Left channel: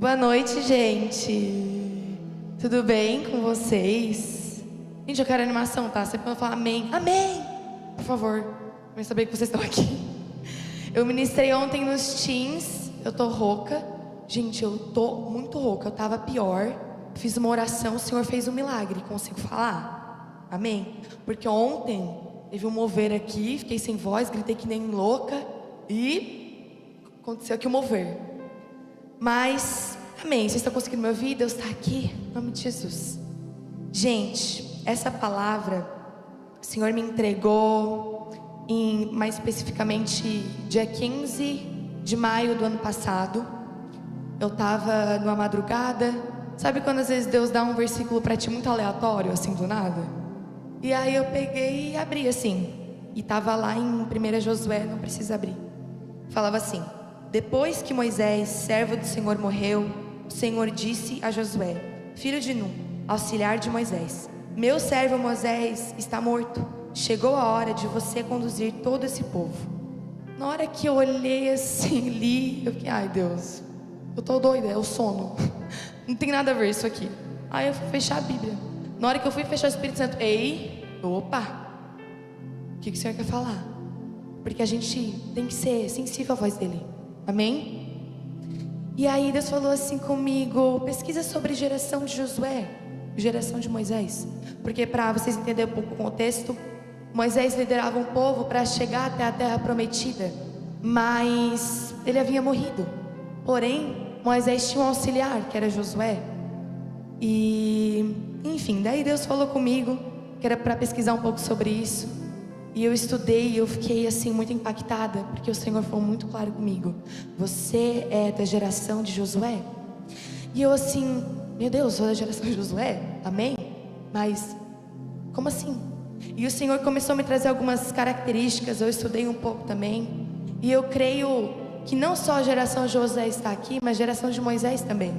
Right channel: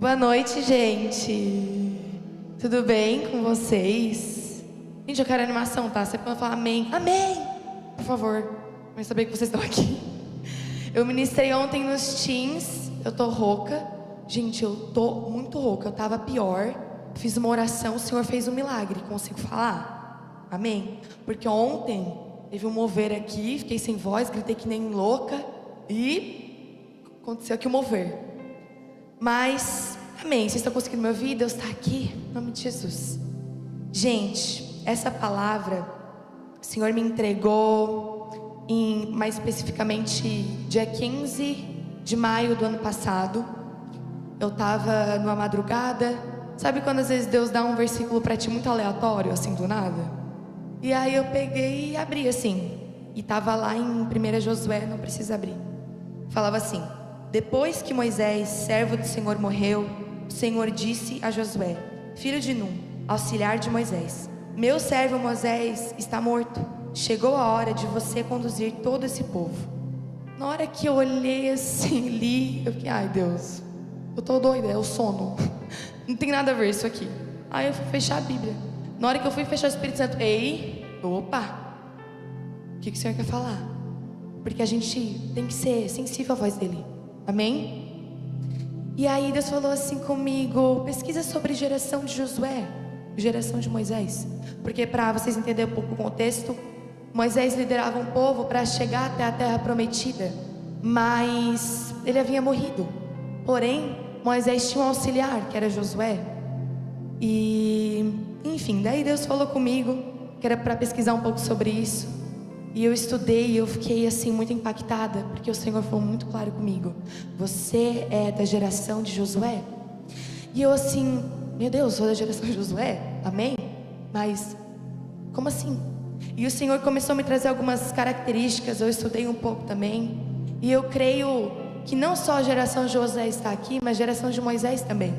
Boa noite, gente. Tudo bem com vocês? Gente, eu quero animação, tá? Sempre quando eu falar amém, amém, por favor, pra eu saber que vocês estão aqui. Eu ministrei ontem nos teens, eu tô rouca. Gente, eu tô muito rouca, eu tava pior. Fiz uma oração, o Senhor fez um milagre, consigo falar? Amém? Porque ontem teve um mover aqui, fiquei sem voz, gritei que nem louca e aconteceu aqui o mover. Mas, amém, vocês estão conseguindo me ouvir? Deus está aqui, em nome de Jesus. Gente, essa palavra, o Senhor me entregou mais especificamente dia 15 de maio do ano passado. Eu estava numa madrugada. Sabe quando às vezes Deus dá um versículo para ti muito aleatório, assim, do nada? E aí eu peguei e abri assim. E estava lá em 1 Josué, não precisa abrir. Falava assim: depois que Moisés, servo do Senhor, morreu, o Senhor disse a Josué, filho de Num, auxiliar de Moisés: meu servo Moisés está morto. Chegou a hora de você conduzir todo esse povo. Na hora que eu olhei assim, li, eu fiquei, ai Deus, eu tô doida, é o sono. Não tem nada a ver isso aqui. Aí eu fui fechar a Bíblia. Na hora que eu fui fechar o Espírito Santo, opa, o que o Senhor quer falar? Porque a gente tem que ser sensível à voz dele. Amém? E aí Deus falou assim comigo: pesquisa sobre geração de Josué, geração de Moisés. Porque para vocês entenderem um pouco o contexto, Moisés liderava um povo para chegar até a terra prometida, mas ele havia morrido. Porém, Moisés tinha um auxiliar, que era Josué. E, enfim, daí Deus falou comigo que era para pesquisar um pouco sobre isso. E eu estudei e eu fiquei assim muito impactada, porque o Senhor foi muito claro comigo: você é da geração de Josué? E eu assim, meu Deus, sou da geração de Josué? Amém? Mas, como assim? E o Senhor começou a me trazer algumas características, eu estudei um pouco também. E eu creio que não só a geração de Josué está aqui, mas a geração de Moisés também.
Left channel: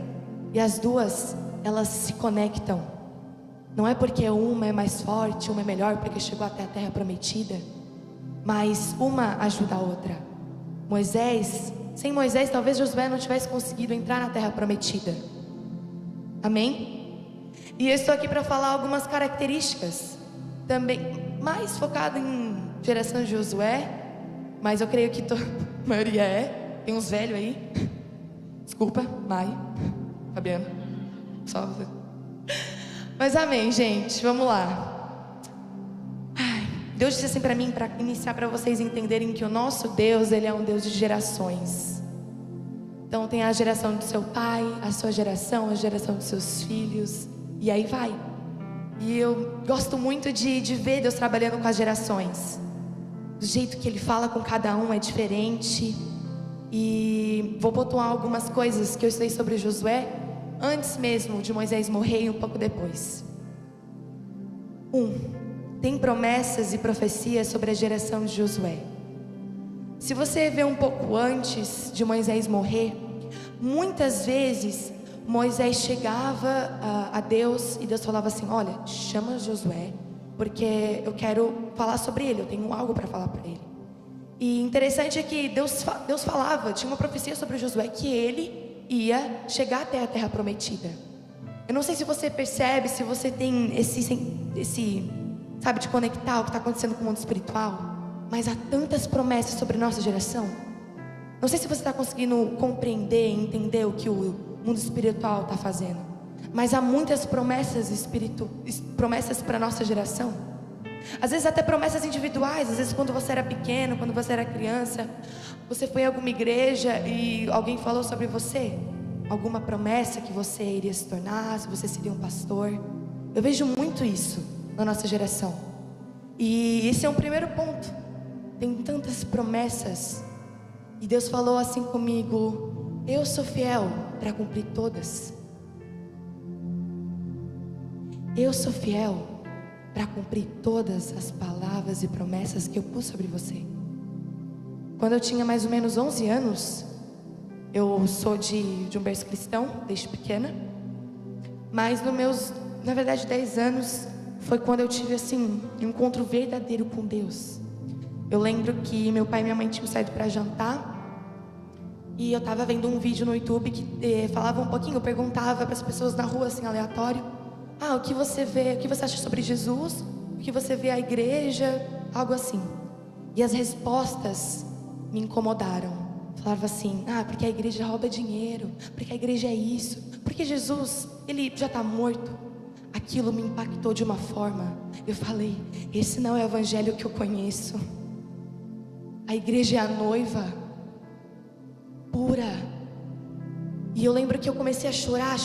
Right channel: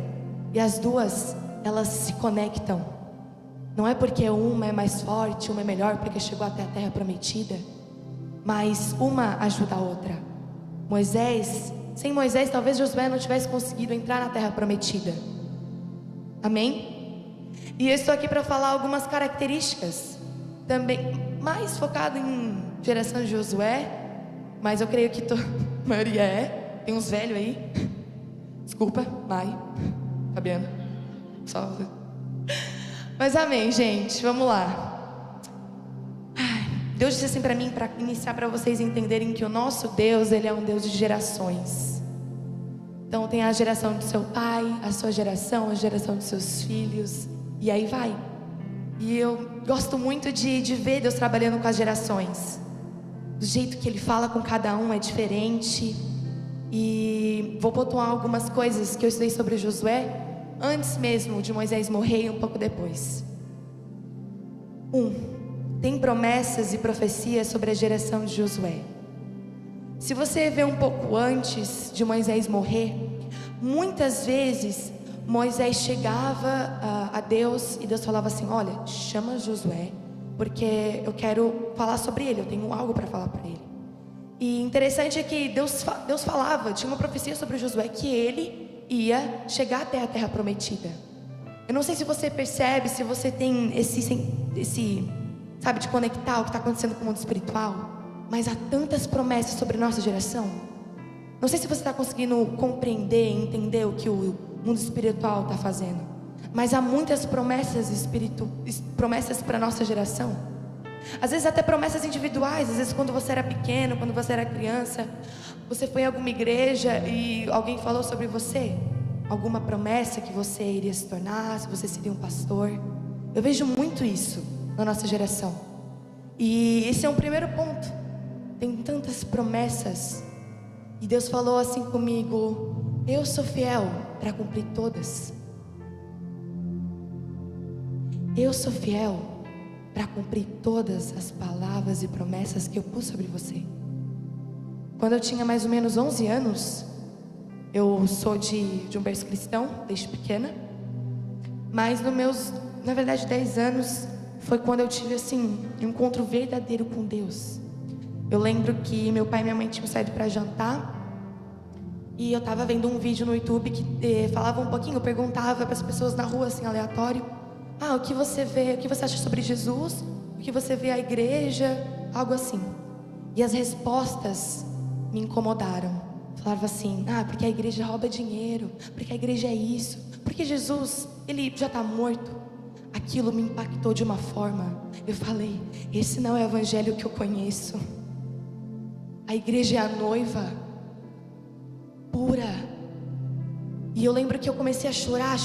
E as duas, elas se conectam. Não é porque uma é mais forte, uma é melhor porque chegou até a terra prometida, mas uma ajuda a outra. Sem Moisés, talvez Josué não tivesse conseguido entrar na terra prometida. Amém? E eu estou aqui para falar algumas características, também mais focado em geração de Josué, mas eu creio que a maioria tem uns velhos aí. Desculpa, Mai, Fabiana, só você. Mas amém, gente, vamos lá. Deus disse assim para mim, para iniciar, para vocês entenderem que o nosso Deus, Ele é um Deus de gerações. Então tem a geração do seu pai, a sua geração, a geração dos seus filhos, e aí vai. E eu gosto muito de ver Deus trabalhando com as gerações. Do jeito que Ele fala com cada um é diferente. E vou pontuar algumas coisas que eu estudei sobre Josué, antes mesmo de Moisés morrer e um pouco depois. Tem promessas e profecias sobre a geração de Josué. Se você vê um pouco antes de Moisés morrer, muitas vezes Moisés chegava a Deus e Deus falava assim: olha, chama Josué, porque eu quero falar sobre ele, eu tenho algo para falar para ele. E interessante é que Deus falava, tinha uma profecia sobre Josué, que ele ia chegar até a terra prometida. Eu não sei se você percebe, se você tem esse sabe, de conectar o que está acontecendo com o mundo espiritual, mas há tantas promessas sobre nossa geração. Não sei se você está conseguindo compreender, entender o que o mundo espiritual está fazendo, mas há muitas promessas para a nossa geração. Às vezes até promessas individuais. Às vezes quando você era pequeno, quando você era criança, você foi em alguma igreja e alguém falou sobre você, alguma promessa que você iria se tornar, se você seria um pastor. Eu vejo muito isso na nossa geração. E esse é um primeiro ponto. Tem tantas promessas. E Deus falou assim comigo: eu sou fiel para cumprir todas. Eu sou fiel para cumprir todas as palavras e promessas que eu pus sobre você. Quando eu tinha mais ou menos 11 anos, eu sou de um berço cristão, desde pequena. Mas nos meus, na verdade, 10 anos, foi quando eu tive assim, um encontro verdadeiro com Deus. Eu lembro que meu pai e minha mãe tinham saído para jantar. E eu tava vendo um vídeo no YouTube que falava um pouquinho, perguntava para as pessoas na rua, assim, aleatório: o que você vê, o que você acha sobre Jesus? O que você vê a igreja? Algo assim. E as respostas me incomodaram. Falava assim: porque a igreja rouba dinheiro, porque a igreja é isso, porque Jesus, ele já está morto. Aquilo me impactou de uma forma. Eu falei: esse não é o evangelho que eu conheço. A igreja é a noiva pura. E eu lembro que eu comecei a chorar.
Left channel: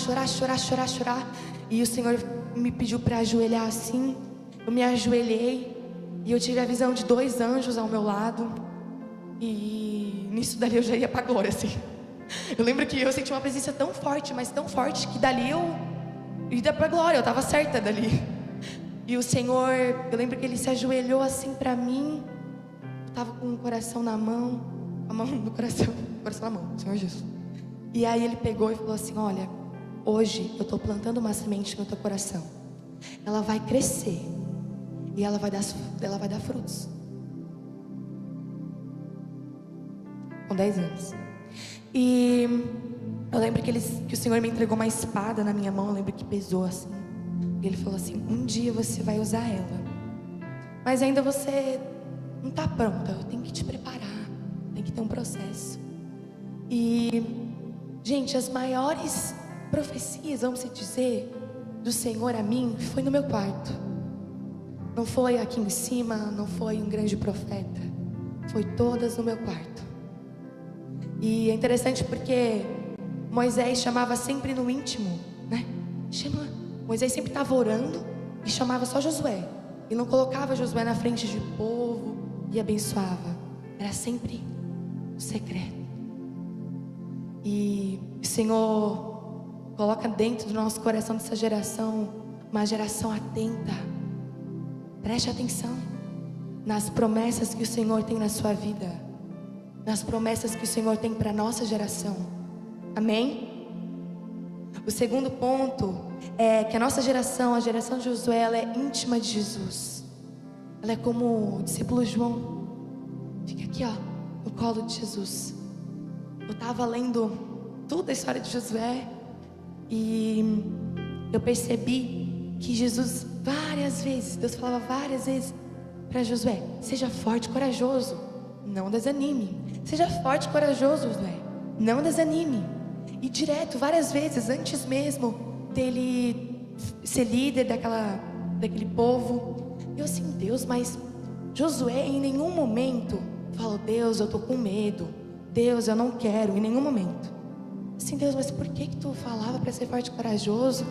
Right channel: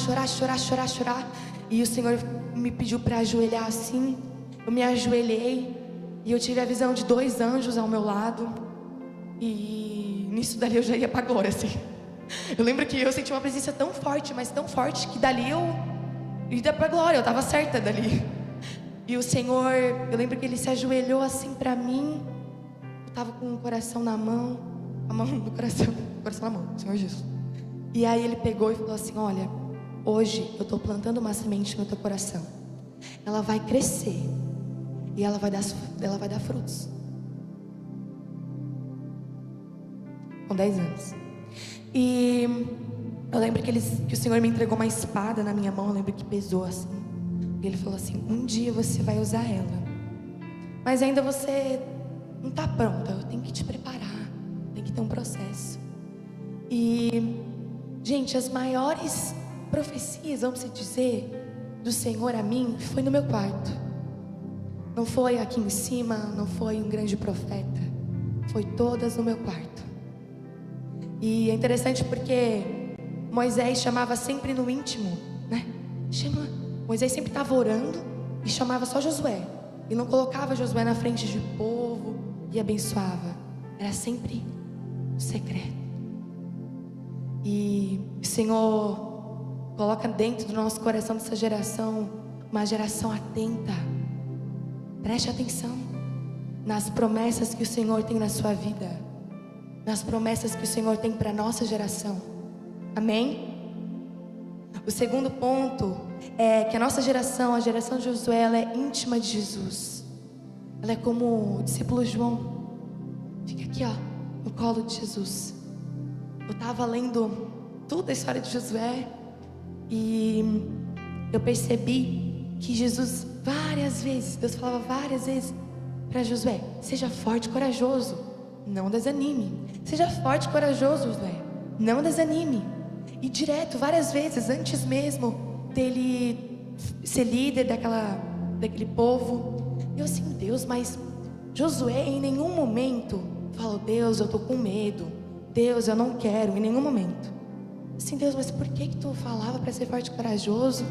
E o Senhor me pediu para ajoelhar assim. Eu me ajoelhei e eu tive a visão de 2 anjos ao meu lado. E nisso dali eu já ia para a glória, assim. Eu lembro que eu senti uma presença tão forte, mas tão forte, que dali eu ia para a glória. Eu estava certa dali. E o Senhor, eu lembro que Ele se ajoelhou assim para mim. Eu estava com o coração na mão, a mão no coração, o coração na mão, Senhor Jesus. E aí Ele pegou e falou assim: olha, hoje eu estou plantando uma semente no teu coração. Ela vai crescer e ela vai dar frutos. Com 10 anos. E eu lembro que o Senhor me entregou uma espada na minha mão. Eu lembro que pesou assim. E Ele falou assim: um dia você vai usar ela, mas ainda você não está pronta. Eu tenho que te preparar. Tem que ter um processo. E, gente, as maiores profecias, vamos dizer, do Senhor a mim, foi no meu quarto. Não foi aqui em cima, não foi um grande profeta. Foi todas no meu quarto. E é interessante porque Moisés chamava sempre no íntimo, né? Moisés sempre estava orando e chamava só Josué. E não colocava Josué na frente de povo e abençoava. Era sempre o secreto. E o Senhor coloca dentro do nosso coração dessa geração uma geração atenta. Preste atenção nas promessas que o Senhor tem na sua vida, nas promessas que o Senhor tem para a nossa geração. Amém? O segundo ponto é que a nossa geração, a geração de Josué, ela é íntima de Jesus. Ela é como o discípulo João. Fica aqui, no colo de Jesus. Eu estava lendo toda a história de Josué e eu percebi que Jesus, várias vezes, Deus falava várias vezes para Josué: seja forte e corajoso, não desanime. Seja forte e corajoso, Josué, não desanime. E direto, várias vezes, antes mesmo dele ser líder daquele povo. Eu assim: Deus, mas Josué em nenhum momento falou: Deus, eu tô com medo, Deus, eu não quero, em nenhum momento. Assim: Deus, mas por que tu falava para ser forte e corajoso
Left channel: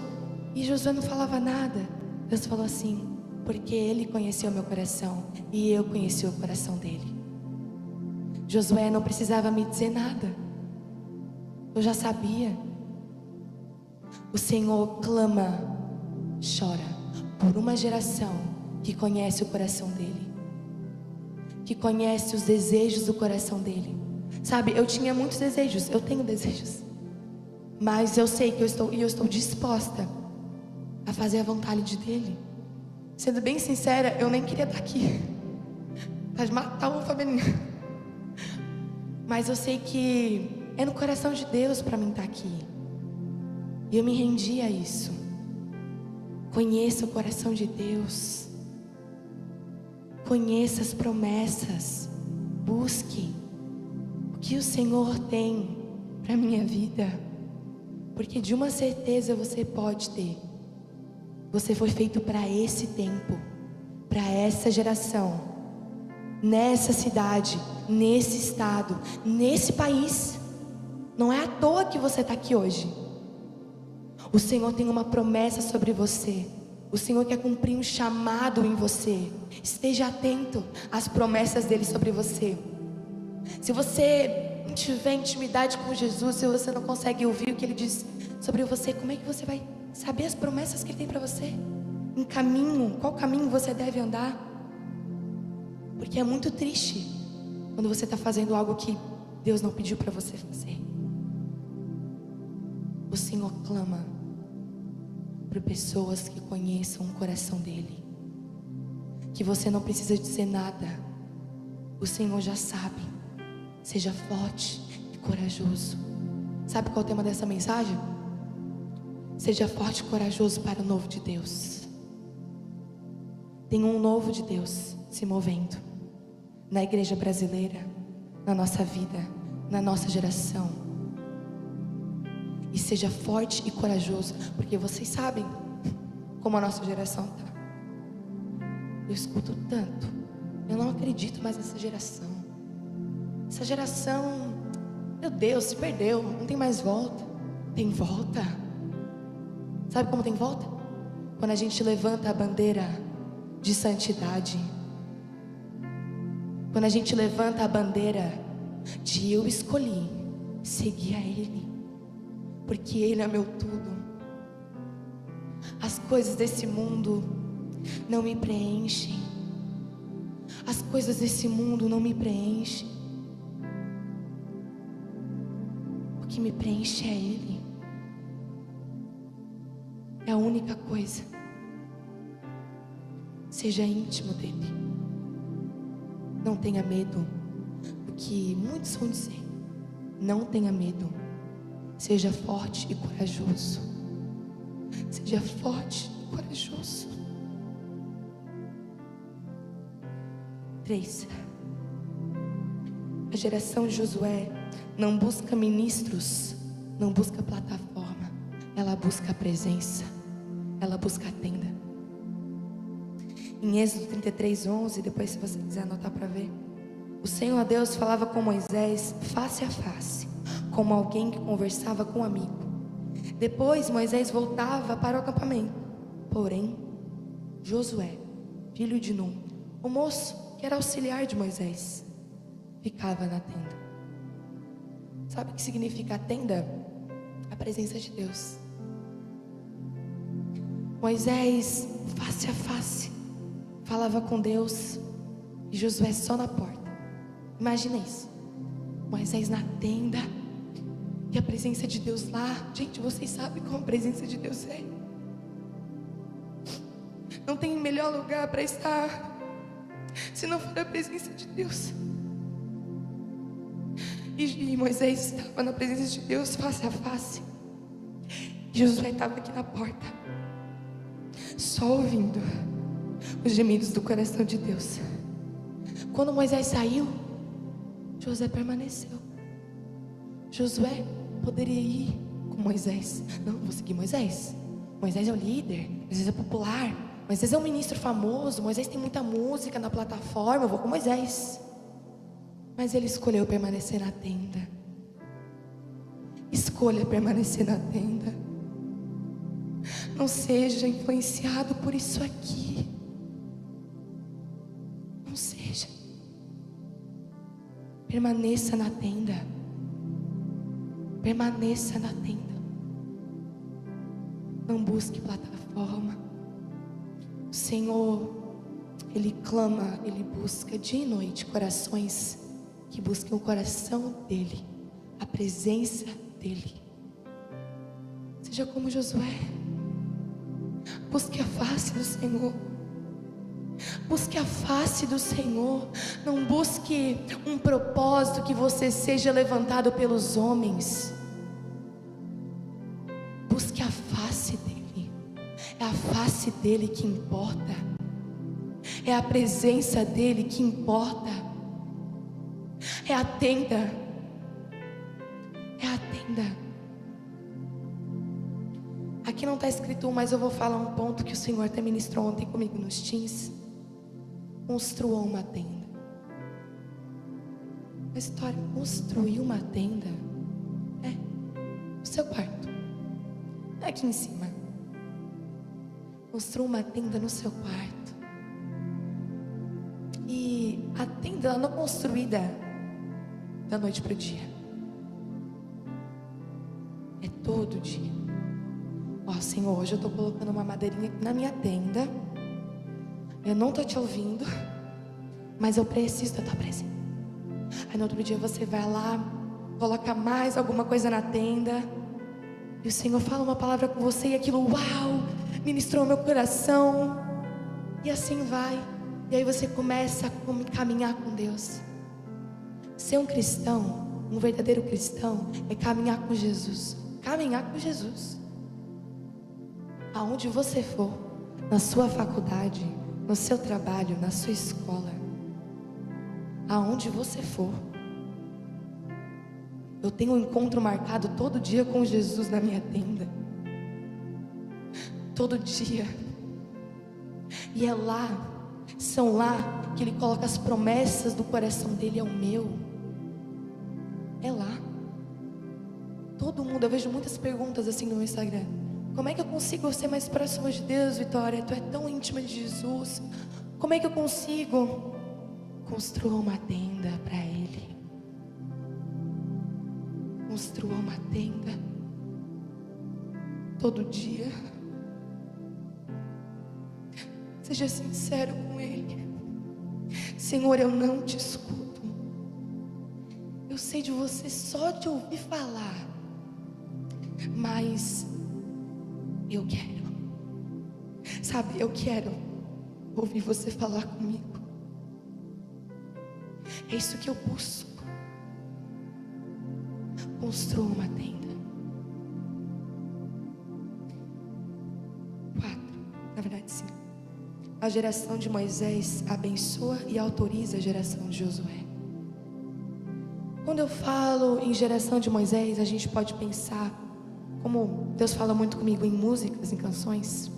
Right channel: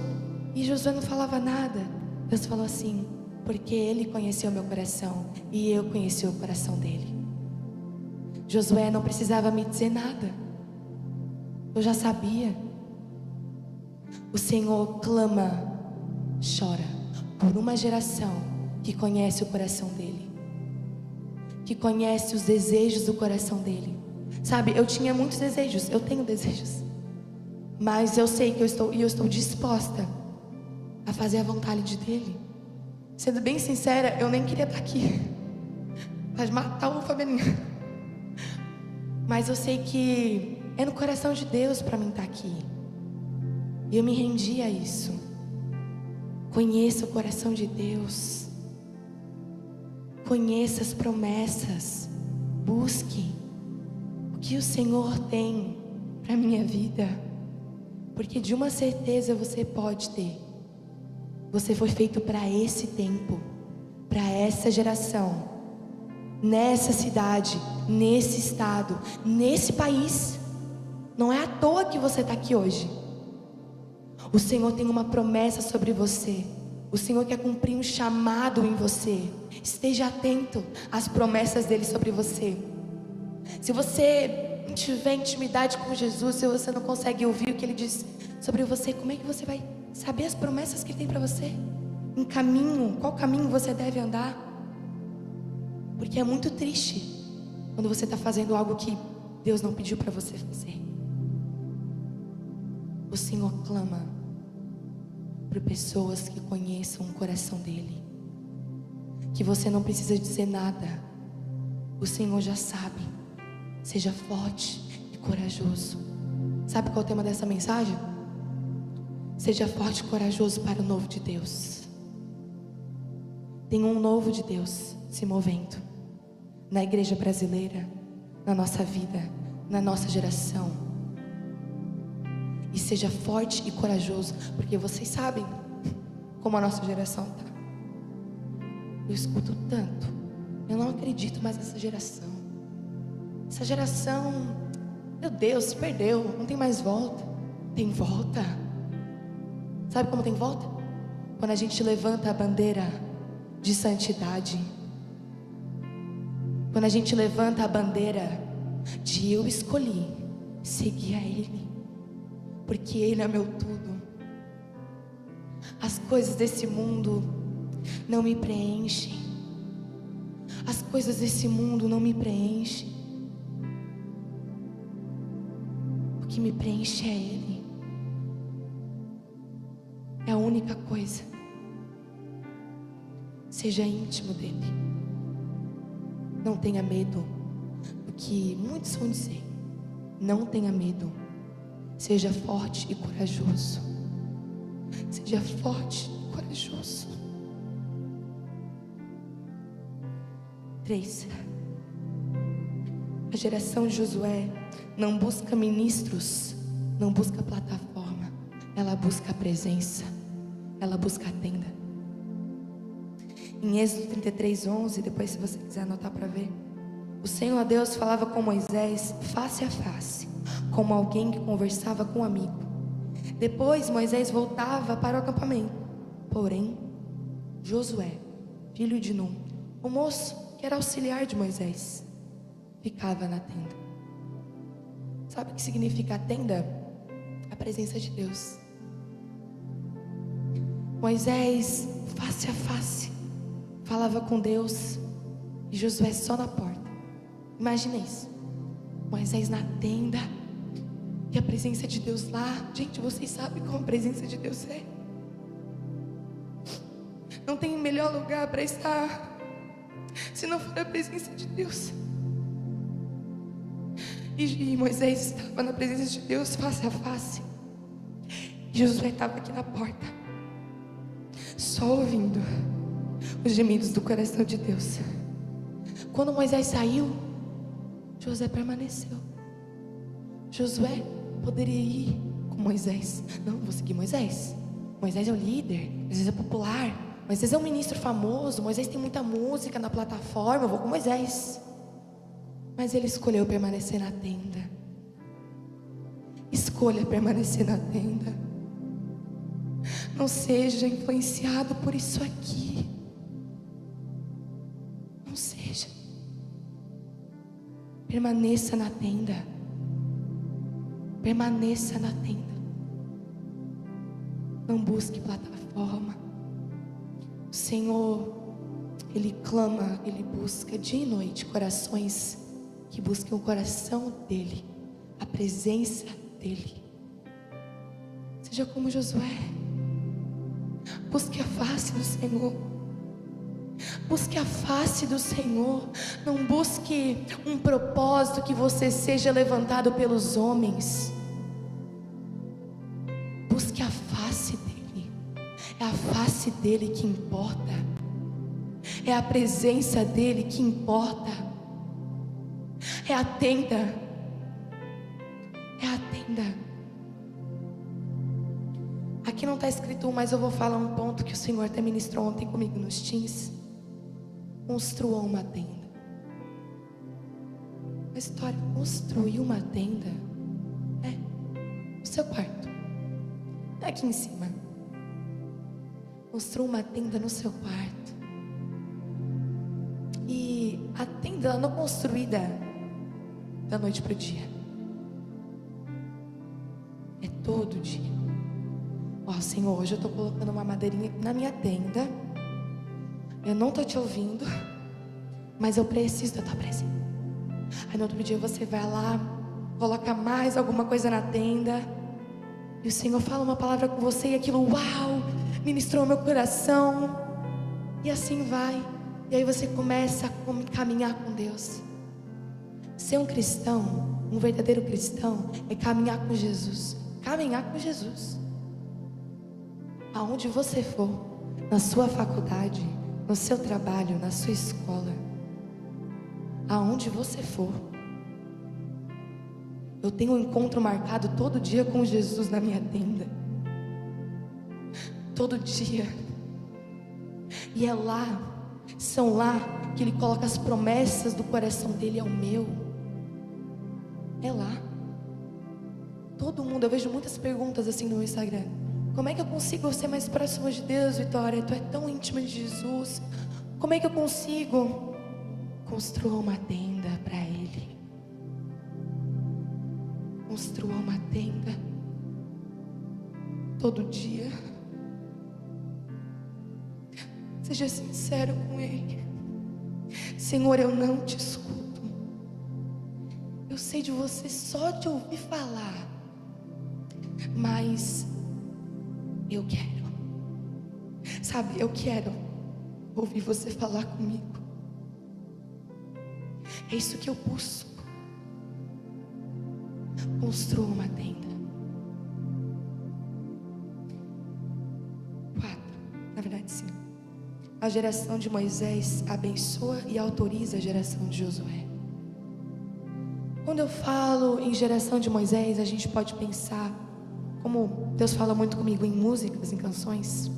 e Josué não falava nada? Deus falou assim: porque ele conheceu o meu coração e eu conheci o coração dele. Josué não precisava me dizer nada, eu já sabia. O Senhor clama, chora por uma geração que conhece o coração dele, que conhece os desejos do coração dele. Sabe, eu tinha muitos desejos, eu tenho desejos, mas eu sei que eu estou disposta a fazer a vontade dele. Sendo bem sincera, eu nem queria estar aqui. Pode matar o Fabianinho. Mas eu sei que é no coração de Deus para mim estar aqui. E eu me rendi a isso. Conheça o coração de Deus. Conheça as promessas. Busque o que o Senhor tem para a minha vida. Porque de uma certeza você pode ter: você foi feito para esse tempo, para essa geração, nessa cidade, nesse estado, nesse país. Não é à toa que você está aqui hoje. O Senhor tem uma promessa sobre você. O Senhor quer cumprir um chamado em você. Esteja atento às promessas dele sobre você. Se você não tiver intimidade com Jesus, se você não consegue ouvir o que ele diz sobre você, como é que você vai saber as promessas que ele tem para você? Em caminho, qual caminho você deve andar? Porque é muito triste quando você está fazendo algo que Deus não pediu para você fazer. O Senhor clama por pessoas que conheçam o coração dele, que você não precisa dizer nada, o Senhor já sabe. Seja forte e corajoso. Sabe qual é o tema dessa mensagem? Seja forte e corajoso para o novo de Deus. Tem um novo de Deus se movendo na igreja brasileira, na nossa vida, na nossa geração. E seja forte e corajoso, porque vocês sabem como a nossa geração está. Eu escuto tanto, eu não acredito mais nessa geração. Essa geração, meu Deus, se perdeu, não tem mais volta. Tem volta. Sabe como tem volta? Quando a gente levanta a bandeira de santidade. Quando a gente levanta a bandeira de eu escolhi seguir a Ele, porque Ele é meu tudo. As coisas desse mundo não me preenchem. As coisas desse mundo não me preenchem. O que me preenche é Ele. É a única coisa. Seja íntimo dEle. Não tenha medo do que muitos vão dizer. Não tenha medo. Seja forte e corajoso. Seja forte e corajoso. 3. A geração de Josué não busca ministros, não busca plataforma. Ela busca a presença. Ela busca a tenda. Em Êxodo 33:11, depois se você quiser anotar para ver, o Senhor Deus falava com Moisés face a face, como alguém que conversava com um amigo. Depois Moisés voltava para o acampamento. Porém, Josué, filho de Num, o moço que era auxiliar de Moisés, ficava na tenda. Sabe o que significa a tenda? A presença de Deus. Moisés, face a face, falava com Deus, e Josué só na porta. Imagina isso. Moisés na tenda e a presença de Deus lá. Gente, vocês sabem como a presença de Deus é. Não tem melhor lugar para estar se não for a presença de Deus. E Moisés estava na presença de Deus face a face. E Josué estava aqui na porta, só ouvindo os gemidos do coração de Deus. Quando Moisés saiu, Josué permaneceu. Josué poderia ir com Moisés. Não, vou seguir Moisés. Moisés é o líder, Moisés é popular, Moisés é um ministro famoso, Moisés tem muita música na plataforma, eu vou com Moisés. Mas ele escolheu permanecer na tenda. Escolha permanecer na tenda. Não seja influenciado por isso aqui. Não seja. Permaneça na tenda. Permaneça na tenda. Não busque plataforma. O Senhor, Ele clama, Ele busca dia e noite corações que busquem o coração dEle, a presença dEle. Seja como Josué. Busque a face do Senhor. Busque a face do Senhor. Não busque um propósito que você seja levantado pelos homens. Busque a face dEle. É a face dEle que importa. É a presença dEle que importa. É a tenda. É a tenda. Aqui não está escrito, mas eu vou falar um ponto que o Senhor até ministrou ontem comigo nos teens. Construa uma tenda. A história, construir uma tenda. O seu quarto. Aqui em cima. Construa uma tenda no seu quarto. E a tenda, ela não é construída da noite para o dia. É todo dia. Senhor, hoje eu estou colocando uma madeirinha na minha tenda. Eu não estou te ouvindo, mas eu preciso da tua presença. Aí no outro dia você vai lá, coloca mais alguma coisa na tenda, e o Senhor fala uma palavra com você, e aquilo, uau, ministrou meu coração. E assim vai. E aí você começa a caminhar com Deus. Ser um cristão, Um verdadeiro cristão é caminhar com Jesus. Caminhar com Jesus. Aonde você for, na sua faculdade, no seu trabalho, na sua escola, aonde você for, eu tenho um encontro marcado todo dia com Jesus na minha tenda. Todo dia. E é lá, são lá que Ele coloca as promessas do coração dele ao meu. É lá. Todo mundo, eu vejo muitas perguntas assim no meu Instagram. Como é que eu consigo ser mais próximo de Deus, Vitória? Tu é tão íntima de Jesus. Como é que eu consigo? Construa uma tenda para Ele. Construa uma tenda. Todo dia. Seja sincero com Ele. Senhor, eu não te escuto. Eu sei de você só de ouvir falar. Mas eu quero. Sabe, eu quero ouvir você falar comigo. É isso que eu busco. Construa uma tenda. 4, na verdade 5. A geração de Moisés abençoa e autoriza a geração de Josué. Quando eu falo em geração de Moisés, a gente pode pensar, como Deus fala muito comigo em músicas, em canções.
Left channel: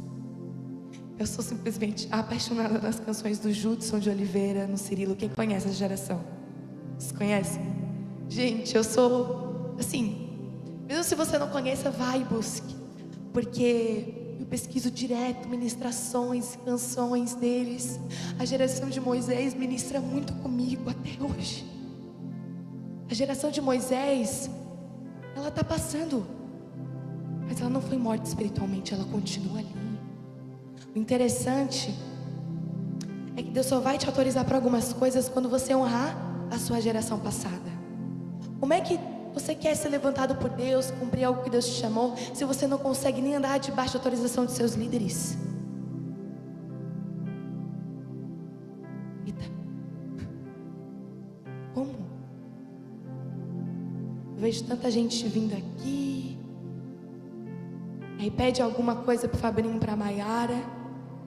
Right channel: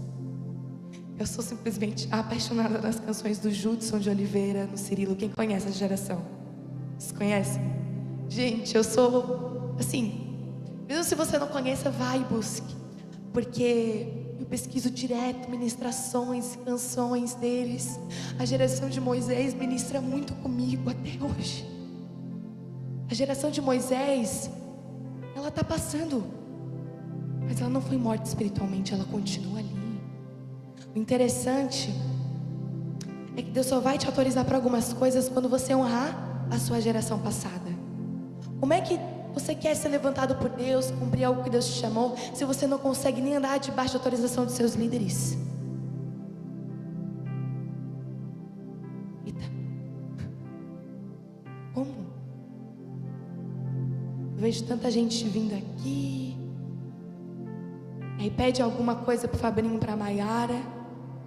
Eu sou simplesmente apaixonada nas canções do Judson de Oliveira, no Cirilo. Quem conhece essa geração? Vocês conhecem? Gente, eu sou, assim, mesmo se você não conheça, vai e busque. Porque eu pesquiso direto ministrações, canções deles. A geração de Moisés ministra muito comigo até hoje. A geração de Moisés, ela está passando, mas ela não foi morta espiritualmente, ela continua ali. O interessante é que Deus só vai te autorizar para algumas coisas quando você honrar a sua geração passada. Como é que você quer ser levantado por Deus, cumprir algo que Deus te chamou, se você não consegue nem andar debaixo da autorização de seus líderes? Eita. Como? Eu vejo tanta gente vindo aqui, aí pede alguma coisa pro Fabrinho, pra Maiara.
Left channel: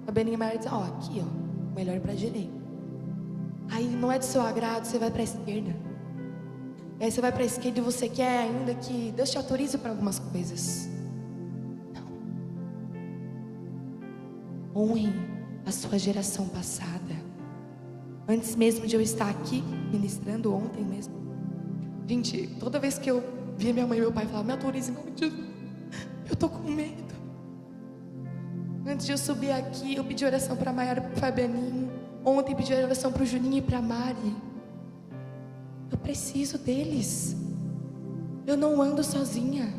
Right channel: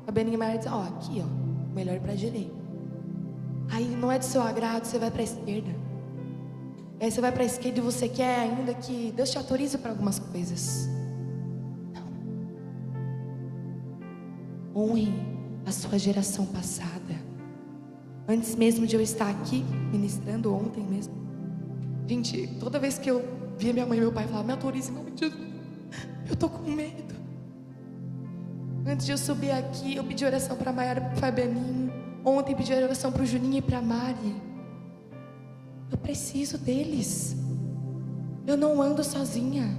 Fabrinho e Maiara dizem, ó, aqui ó, melhor ir pra direita. Aí não é do seu agrado, você vai pra esquerda. E aí você vai pra esquerda e você quer ainda que Deus te autorize para algumas coisas. Não. Honre a sua geração passada. Antes mesmo de eu estar aqui ministrando, ontem mesmo, gente, toda vez que eu via minha mãe e meu pai falar, me autorize em nome de Jesus, eu tô com medo. Antes de eu subir aqui, eu pedi oração para Maiara e para o Fabianinho. Ontem pedi oração para o Juninho e para a Mari. Eu preciso deles. Eu não ando sozinha.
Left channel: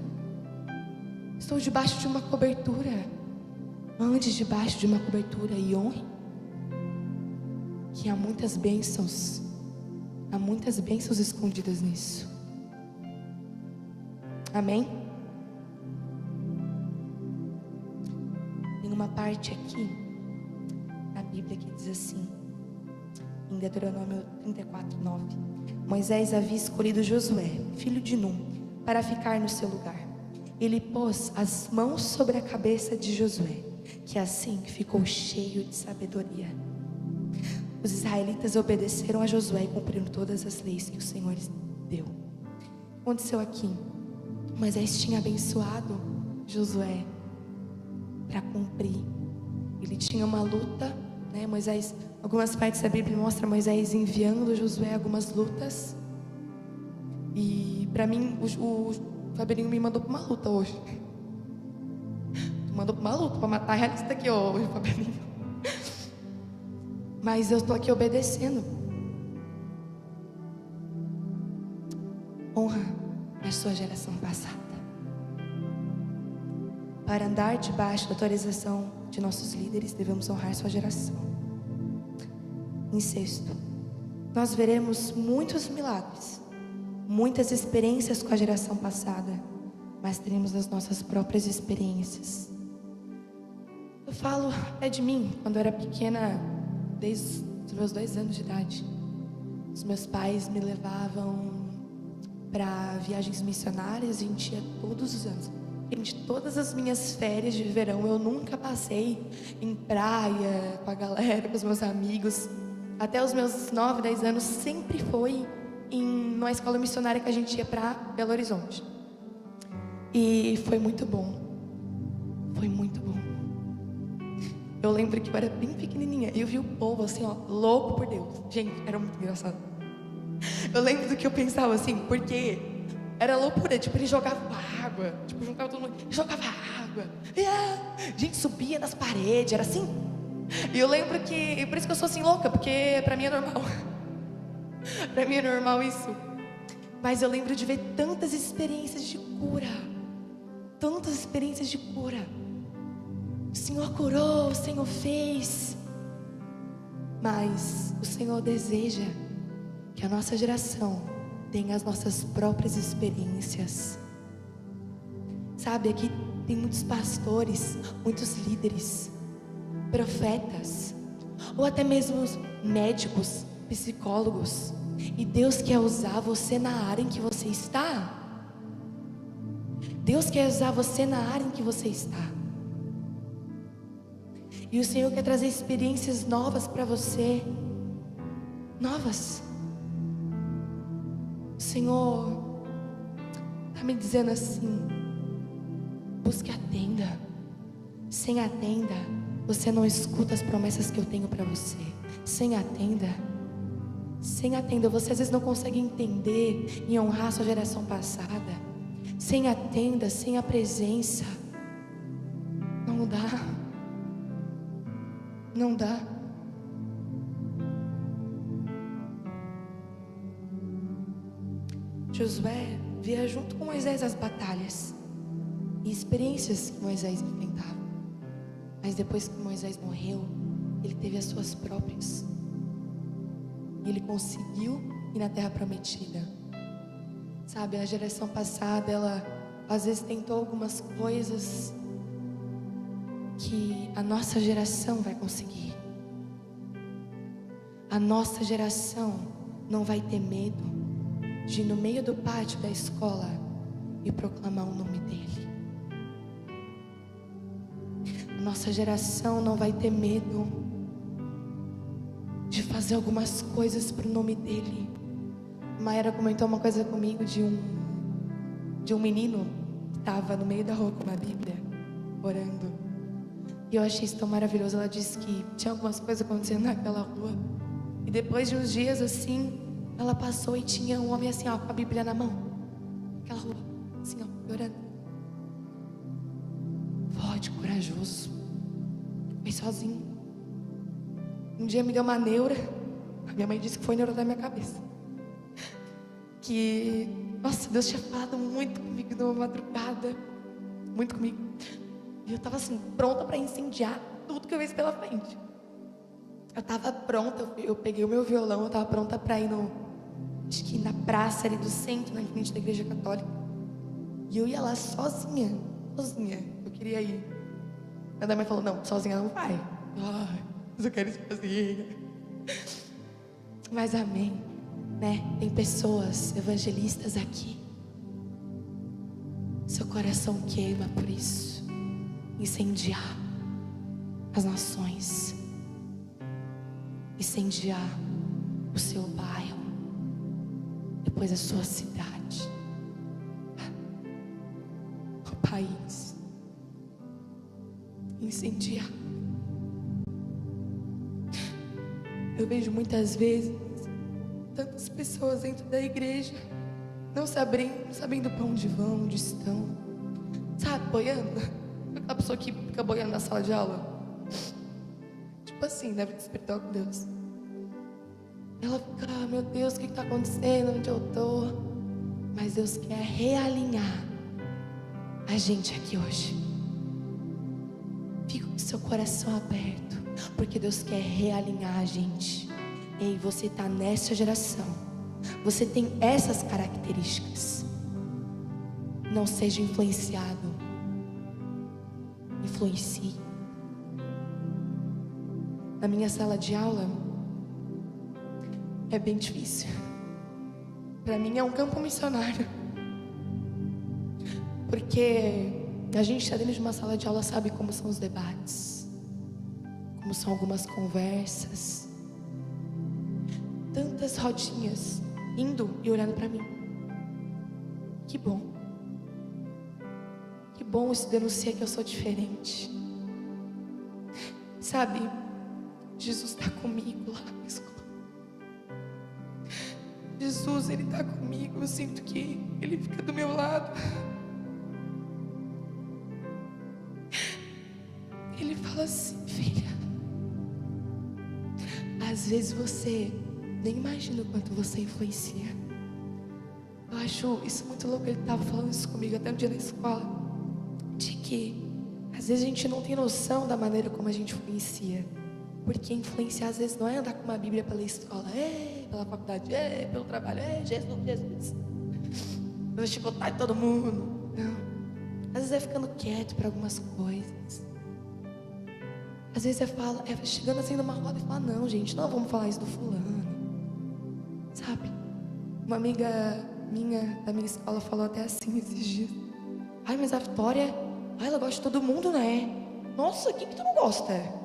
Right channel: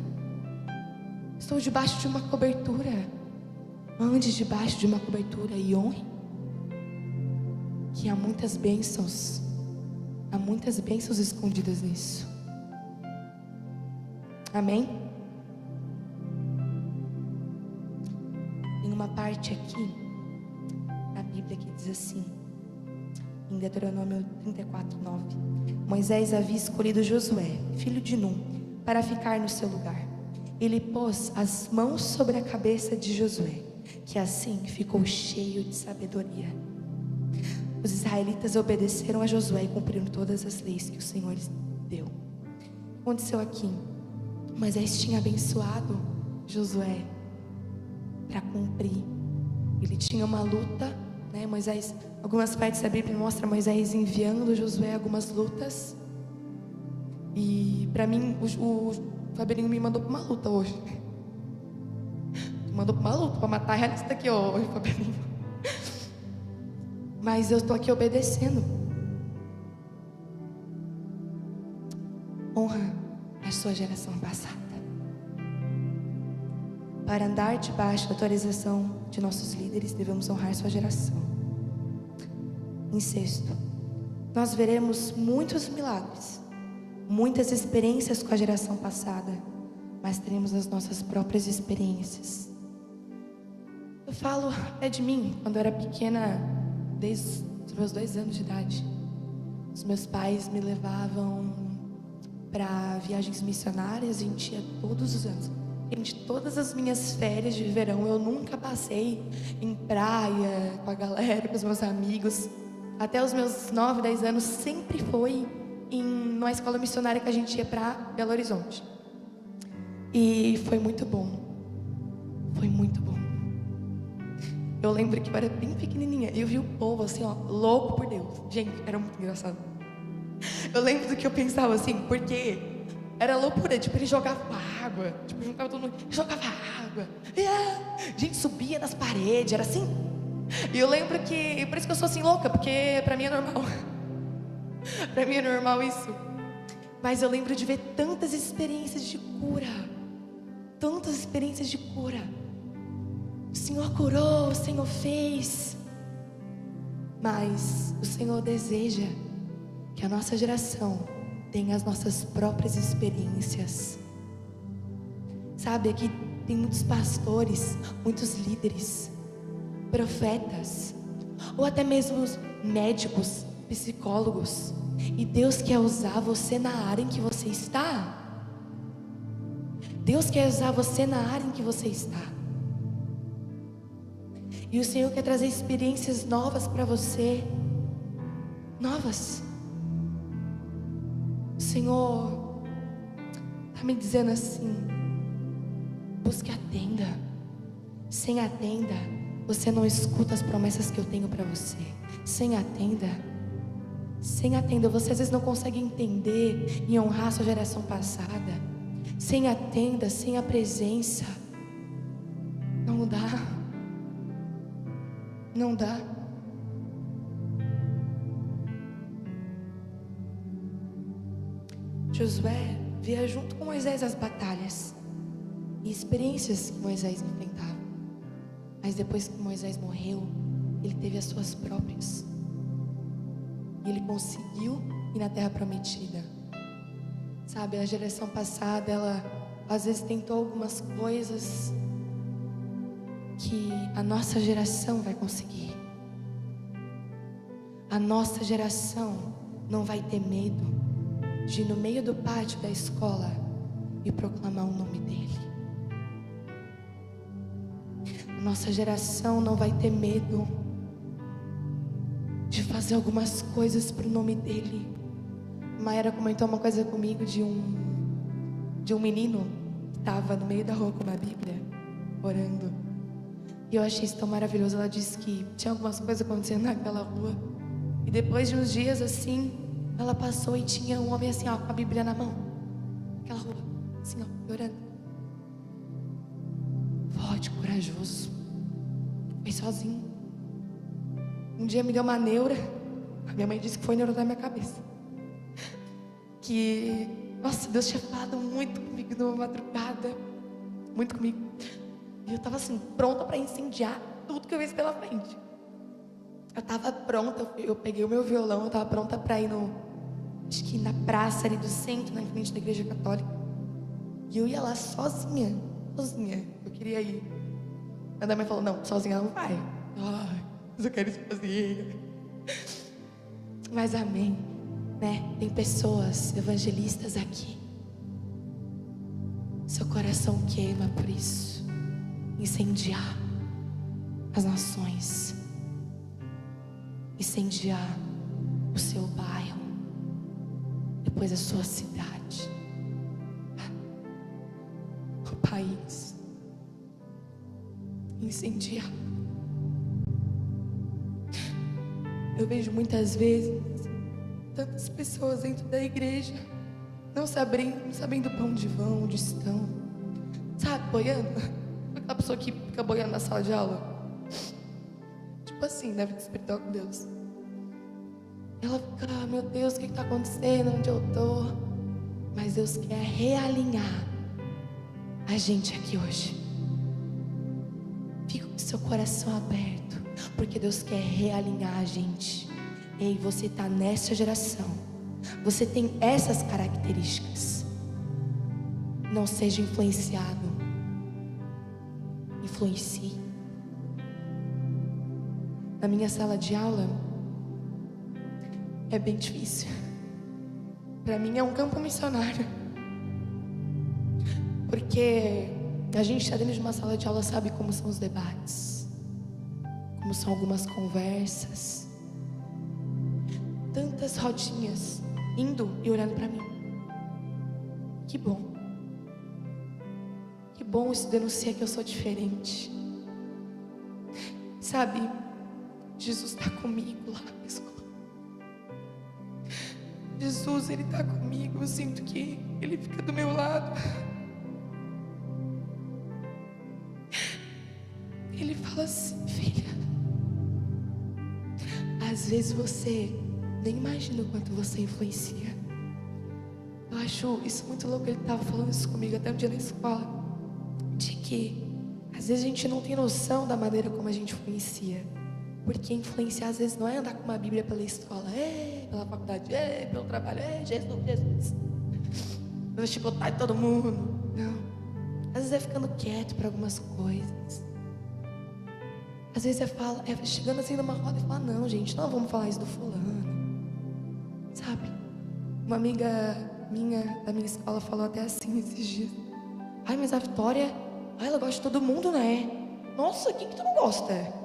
Estou debaixo de uma cobertura. Ande debaixo de uma cobertura e honre. Que há muitas bênçãos. Há muitas bênçãos escondidas nisso. Amém? Tem uma parte aqui na Bíblia que diz assim, em Deuteronômio 34:9: Moisés havia escolhido Josué, filho de Num, para ficar no seu lugar. Ele pôs as mãos sobre a cabeça de Josué, que assim ficou cheio de sabedoria. Os israelitas obedeceram a Josué e cumpriram todas as leis que o Senhor lhes deu. O que aconteceu aqui? Moisés tinha abençoado Josué para cumprir. Ele tinha uma luta, né? Moisés, algumas partes da Bíblia mostram Moisés enviando Josué algumas lutas. E para mim, o Faberinho me mandou para uma luta hoje. Mandou para uma luta, para matar a realista aqui hoje, Faberinho. Mas eu estou aqui obedecendo. Honra a sua geração passada. Para andar debaixo da autorização de nossos líderes, devemos honrar sua geração. Em sexto, nós veremos muitos milagres, muitas experiências com a geração passada, mas teremos as nossas próprias experiências. Eu falo até de mim, quando eu era pequena, desde os meus 2 anos de idade. Os meus pais me levavam para viagens missionárias, a gente ia todos os anos. Gente, todas as minhas férias de verão, eu nunca passei em praia, com a galera, com os meus amigos. Até os meus 9, 10 anos, sempre foi numa escola missionária que a gente ia para Belo Horizonte. E foi muito bom. Foi muito bom. Eu lembro que eu era bem pequenininha e eu vi o povo assim, ó, louco por Deus. Gente, era muito engraçado. Eu lembro do que eu pensava assim, porque era loucura, tipo, ele jogava água, tipo, juntava todo mundo, jogava água, e a gente subia nas paredes, era assim. E eu lembro que, por isso que eu sou assim louca, porque pra mim é normal. Pra mim é normal isso. Mas eu lembro de ver tantas experiências de cura, tantas experiências de cura. O Senhor curou, o Senhor fez. Mas o Senhor deseja que a nossa geração tenha as nossas próprias experiências. Sabe, aqui tem muitos pastores, muitos líderes, profetas, ou até mesmo médicos, psicólogos. E Deus quer usar você na área em que você está. Deus quer usar você na área em que você está. E o Senhor quer trazer experiências novas para você. Novas. O Senhor está me dizendo assim: busque a tenda. Sem a tenda, você não escuta as promessas que eu tenho para você. Sem a tenda, você às vezes não consegue entender e honrar a sua geração passada. Sem a tenda, sem a presença, não dá. Não dá. Josué via junto com Moisés as batalhas e experiências que Moisés enfrentava. Mas depois que Moisés morreu, ele teve as suas próprias. E ele conseguiu ir na terra prometida. Sabe, a geração passada, ela às vezes tentou algumas coisas que a nossa geração vai conseguir. A nossa geração não vai ter medo de ir no meio do pátio da escola e proclamar o nome dele. A nossa geração não vai ter medo de fazer algumas coisas para o nome dele. A Mayara comentou uma coisa comigo de um menino que estava no meio da rua com uma Bíblia, orando. E eu achei isso tão maravilhoso. Ela disse que tinha algumas coisas acontecendo naquela rua. E depois de uns dias assim, ela passou e tinha um homem assim, ó, com a Bíblia na mão. Naquela rua, assim, ó, orando. Forte, corajoso. Foi sozinho. Um dia me deu uma neura. A minha mãe disse que foi neura da minha cabeça. Que, nossa, Deus tinha falado muito comigo numa madrugada. Muito comigo. E eu estava assim, pronta para incendiar tudo que eu vejo pela frente. Eu estava pronta, eu peguei o meu violão, eu estava pronta para ir acho que na praça ali do centro, na frente da igreja católica. E eu ia lá sozinha. Eu queria ir. Mas a mãe falou, não, sozinha não vai. Ai, mas eu quero ir sozinha. Mas amém, né? Tem pessoas evangelistas aqui. Seu coração queima por isso. Incendiar as nações, incendiar o seu bairro, depois a sua cidade, o país, incendiar. Eu vejo muitas vezes tantas pessoas dentro da igreja não sabendo para onde vão, onde estão, sabe, boiando. Aquela pessoa que fica boiando na sala de aula, tipo assim, deve despertar com Deus. Ela fica, ah, meu Deus, o que está acontecendo, onde eu estou? Mas Deus quer realinhar a gente aqui hoje. Fica com seu coração aberto, porque Deus quer realinhar a gente. Ei, você está nessa geração, você tem essas características. Não seja influenciado. Influencie. Na minha sala de aula é bem difícil para mim é um campo missionário. Porque a gente está dentro de uma sala de aula, sabe como são os debates, como são algumas conversas, tantas rodinhas indo e olhando para mim. Que bom. Que bom, isso denuncia que eu sou diferente. Sabe, Jesus está comigo lá na escola. Jesus, Ele está comigo. Eu sinto que Ele fica do meu lado. Ele fala assim: filha, às vezes você nem imagina o quanto você influencia. Eu acho isso muito louco. Ele estava falando isso comigo até um dia na escola, de que às vezes a gente não tem noção da maneira como a gente influencia. Porque influenciar às vezes não é andar com uma Bíblia pela escola, pela faculdade, pelo trabalho, Jesus, Jesus. Eu chicotar todo mundo. Não. Às vezes é ficando quieto para algumas coisas. Às vezes é chegando assim numa roda e falar: não, gente, não vamos falar isso do fulano. Sabe? Uma amiga minha, da minha escola, falou até assim esses dias: ai, mas a Vitória, ela gosta de todo mundo, né? Nossa, quem que tu não gosta?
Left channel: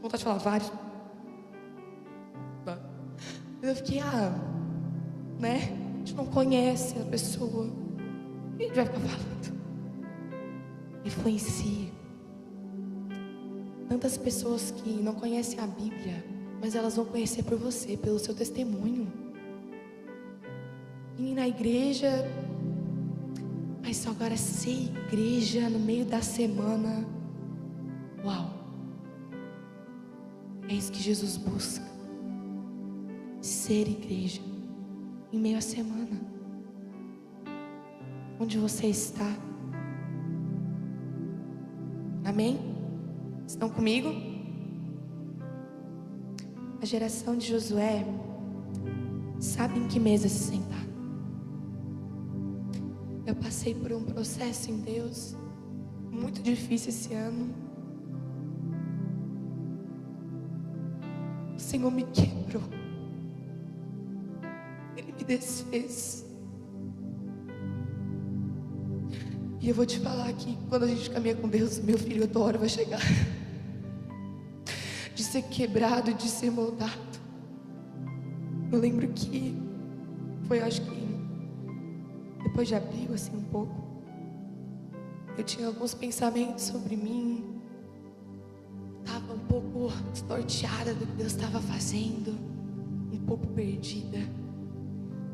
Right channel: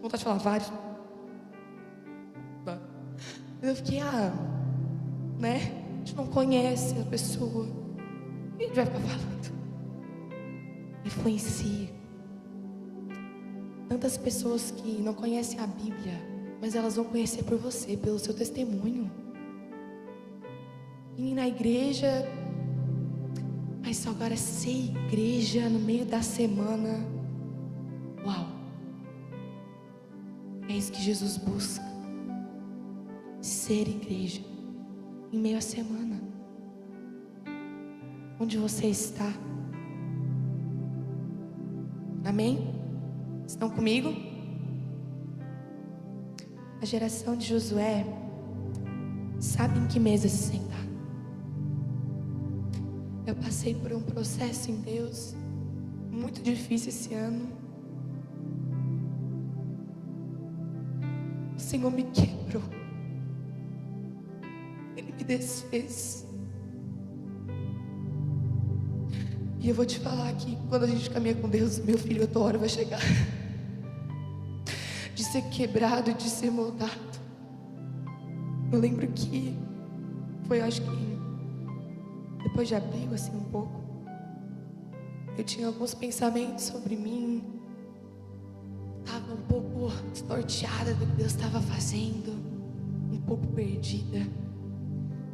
Vontade de falar vários. Eu fiquei, né? A gente não conhece a pessoa. O que a gente vai ficar falando? Influencia. Tantas pessoas que não conhecem a Bíblia, mas elas vão conhecer por você, pelo seu testemunho. E na igreja, mas só agora ser igreja no meio da semana. Uau! É isso que Jesus busca. Ser igreja em meio à semana. Onde você está? Amém? Estão comigo? A geração de Josué sabe em que mesa se sentar. Eu passei por um processo em Deus muito difícil esse ano. O Senhor me quebrou. Ele me desfez. E eu vou te falar que quando a gente caminha com Deus, meu filho, a tua hora vai chegar. De ser quebrado, de ser moldado. Eu lembro que foi, acho que depois de abril, assim, um pouco, eu tinha alguns pensamentos sobre mim. Estava um pouco desnorteada do que Deus estava fazendo, um pouco perdida.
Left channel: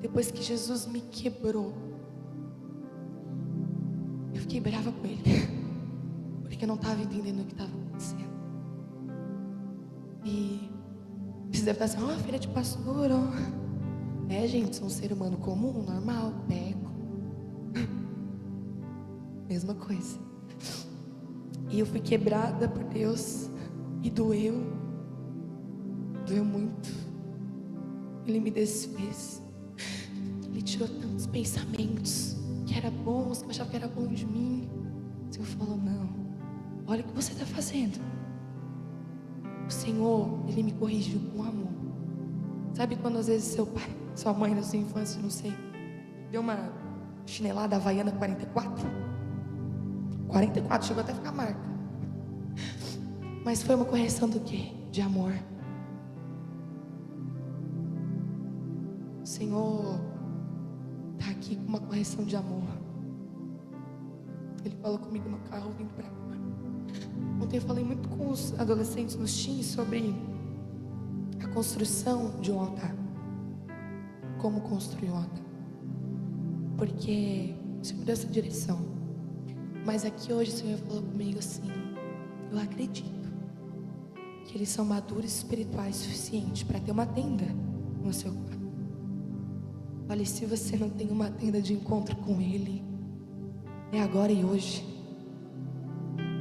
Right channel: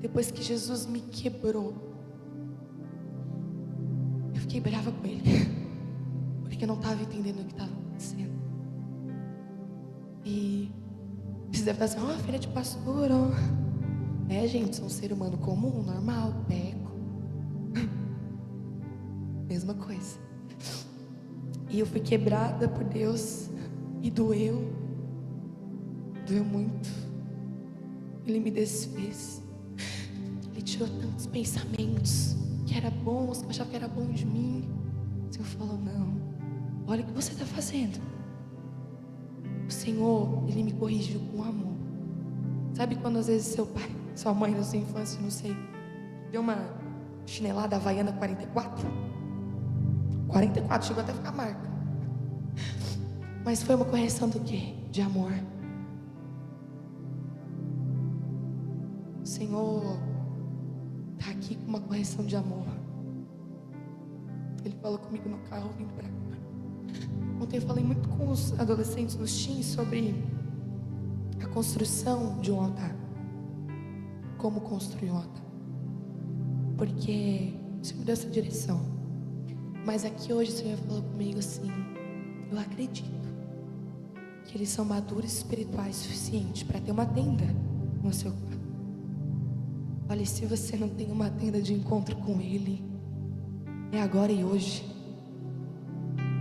Depois que Jesus me quebrou, eu fiquei brava com Ele, porque eu não estava entendendo o que estava acontecendo. E você deve estar assim: filha de pastor, gente, sou um ser humano comum, normal, peco. Mesma coisa. E eu fui quebrada por Deus. E doeu muito. Ele me desfez. Ele tirou tantos pensamentos que era bons, que eu achava que era bom de mim. O Senhor falou: não, olha o que você está fazendo. O Senhor, Ele me corrigiu com amor. Sabe quando às vezes seu pai, sua mãe na sua infância, não sei, deu uma chinelada havaiana 44? 44, chegou até a ficar marca. Mas foi uma correção do quê? De amor. O Senhor está aqui com uma correção de amor. Ele falou comigo no carro vindo para cá. Ontem eu falei muito com os adolescentes, nos teens, sobre a construção de um altar. Como construir um altar. Porque o Senhor me deu essa direção. Mas aqui hoje o Senhor falou comigo assim: eu acredito que eles são maduros espirituais suficientes para ter uma tenda no seu quarto. Olha, se você não tem uma tenda de encontro com Ele, é agora e hoje.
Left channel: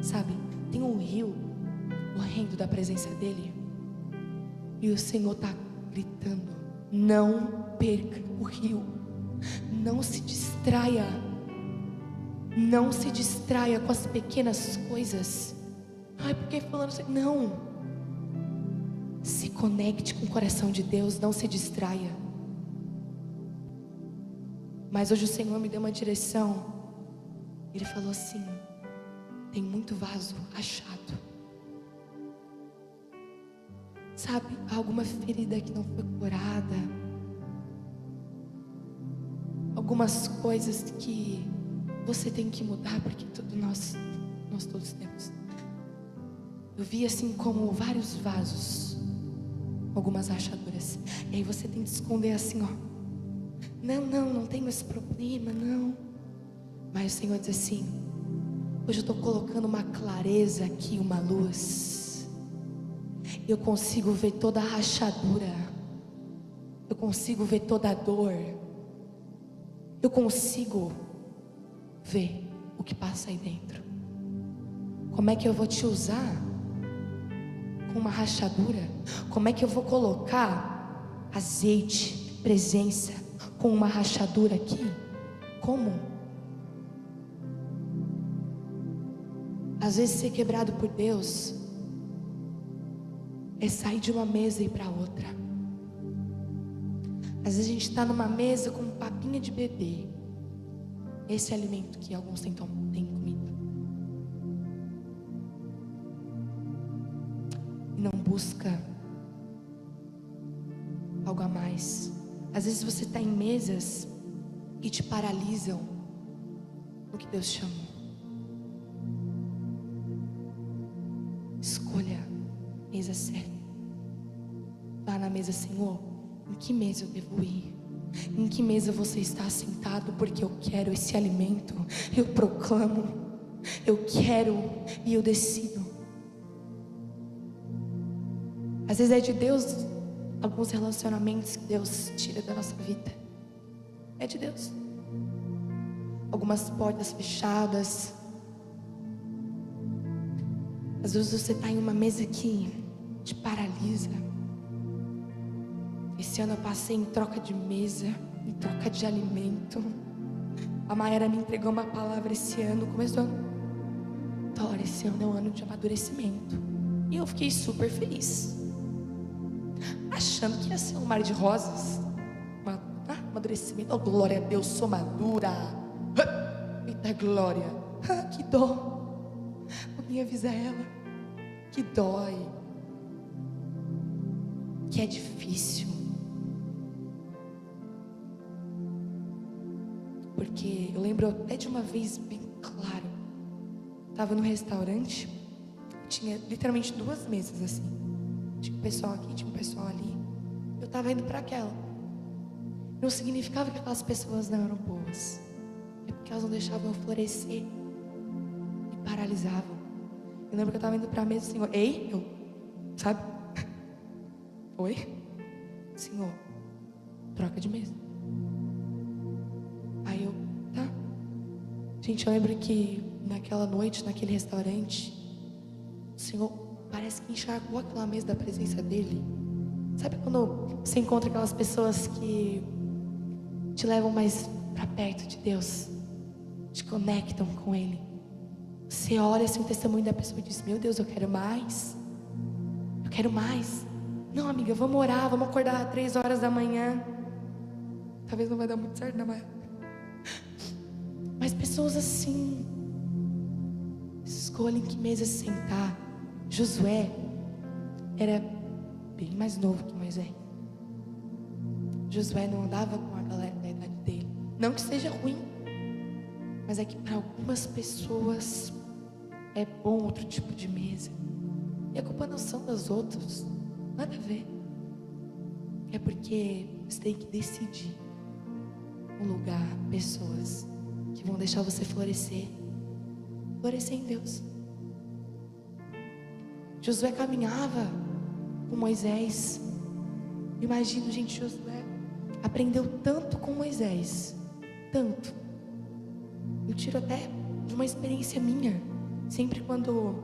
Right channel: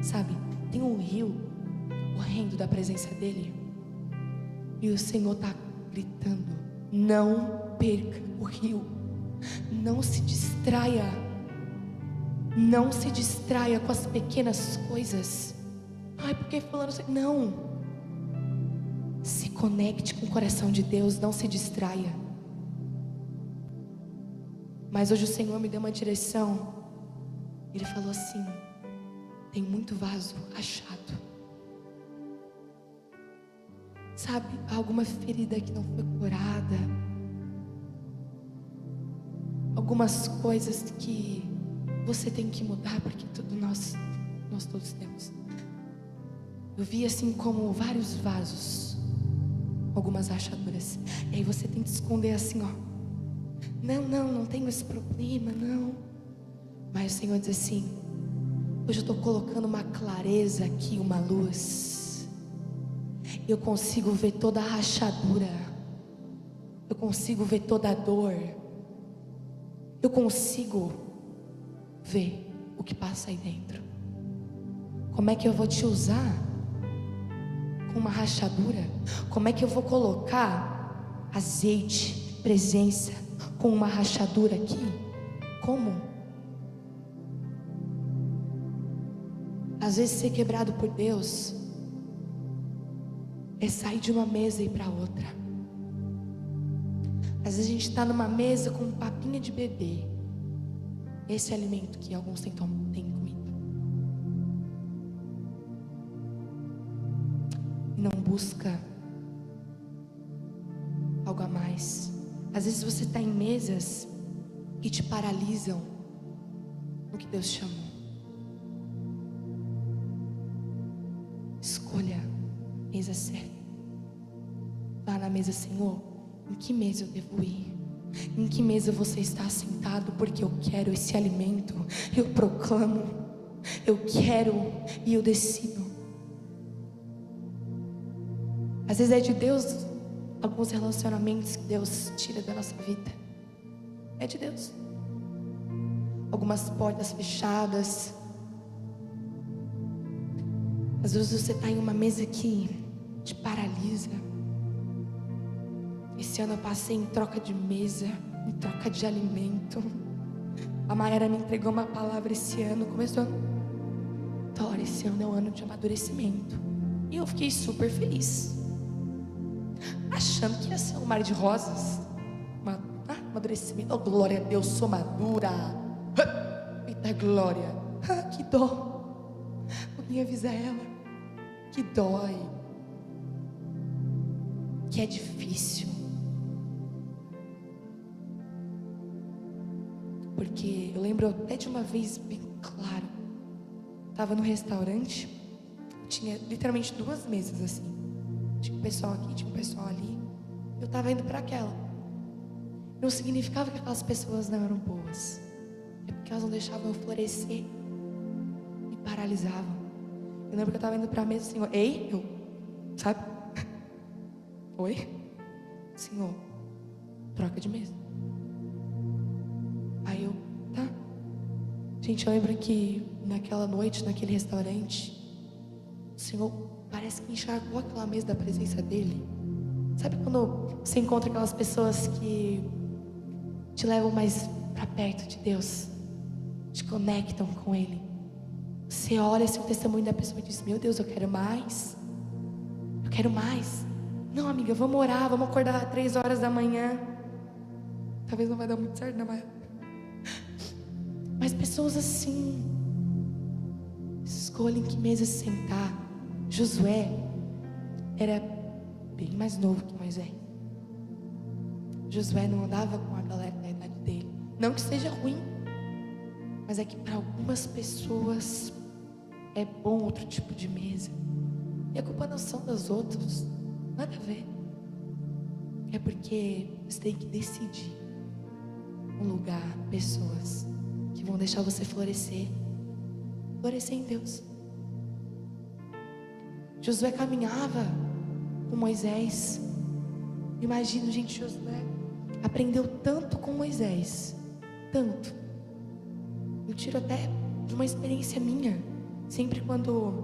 Sabe, tem um rio correndo da presença dEle, e o Senhor está gritando: não perca o rio. Não se distraia. Não se distraia com as pequenas coisas. Porque fulano... Não. Se conecte com o coração de Deus. Não se distraia. Mas hoje o Senhor me deu uma direção. Ele falou assim: tem muito vaso rachado. Sabe, alguma ferida que não foi curada, algumas coisas que você tem que mudar, porque tudo nós todos temos. Eu vi assim como vários vasos, algumas rachaduras. E aí você tem que esconder assim, ó. Não tenho esse problema, não. Mas o Senhor diz assim: hoje eu estou colocando uma clareza aqui, uma luz. Eu consigo ver toda a rachadura. Eu consigo ver toda a dor. Eu consigo ver o que passa aí dentro. Como é que eu vou te usar com uma rachadura? Como é que eu vou colocar azeite, presença, com uma rachadura aqui? Como? Às vezes ser quebrado por Deus é sair de uma mesa e ir para outra. Às vezes a gente está numa mesa com papinha de bebê. Esse é alimento que alguns têm comido. E não busca algo a mais. Às vezes você está em mesas que te paralisam no que Deus chamou. Escolha a mesa certa. Vá na mesa: Senhor, em que mesa eu devo ir? Em que mesa você está sentado? Porque eu quero esse alimento. Eu proclamo. Eu quero e eu decido. Às vezes é de Deus alguns relacionamentos que Deus tira da nossa vida. É de Deus. Algumas portas fechadas. Às vezes você está em uma mesa que te paralisa. Esse ano eu passei em troca de mesa, em troca de alimento. A Mayara me entregou uma palavra esse ano, começo do ano. Tora, esse ano é um ano de amadurecimento. E eu fiquei super feliz, achando que ia ser um mar de rosas. Amadurecimento. Oh, glória a Deus, sou madura. Eita glória. Que dó. Alguém avisa ela que dói, que é difícil. Porque eu lembro até de uma vez bem claro. Estava no restaurante, tinha literalmente 2 mesas assim. Tinha um pessoal aqui, tinha um pessoal ali. Eu estava indo para aquela. Não significava que aquelas pessoas não eram boas. É porque elas não deixavam eu florescer. Me paralisavam. Eu lembro que eu estava indo para a mesa, Senhor. Ei, sabe? Oi? Senhor, troca de mesa. Aí eu, tá. Gente, eu lembro que naquela noite, naquele restaurante, o Senhor parece que encharcou aquela mesa da presença dEle. Sabe quando você encontra aquelas pessoas que te levam mais para perto de Deus, te conectam com Ele? Você olha assim o testemunho da pessoa e diz: meu Deus, eu quero mais. Eu quero mais. Não, amiga, vamos orar, vamos acordar às 3 horas da manhã. Talvez não vai dar muito certo, né? Mas pessoas assim, escolhem que mesa se sentar. Josué era bem mais novo que Moisés. Josué não andava com a galera da idade dele. Não que seja ruim, mas é que para algumas pessoas é bom outro tipo de mesa. E a culpa não são dos outros, nada a ver. É porque você tem que decidir um lugar, pessoas que vão deixar você florescer. Florescer em Deus. Josué caminhava com Moisés. Imagino, gente, Josué aprendeu tanto com Moisés. Tanto. Eu tiro até de uma experiência minha. Sempre quando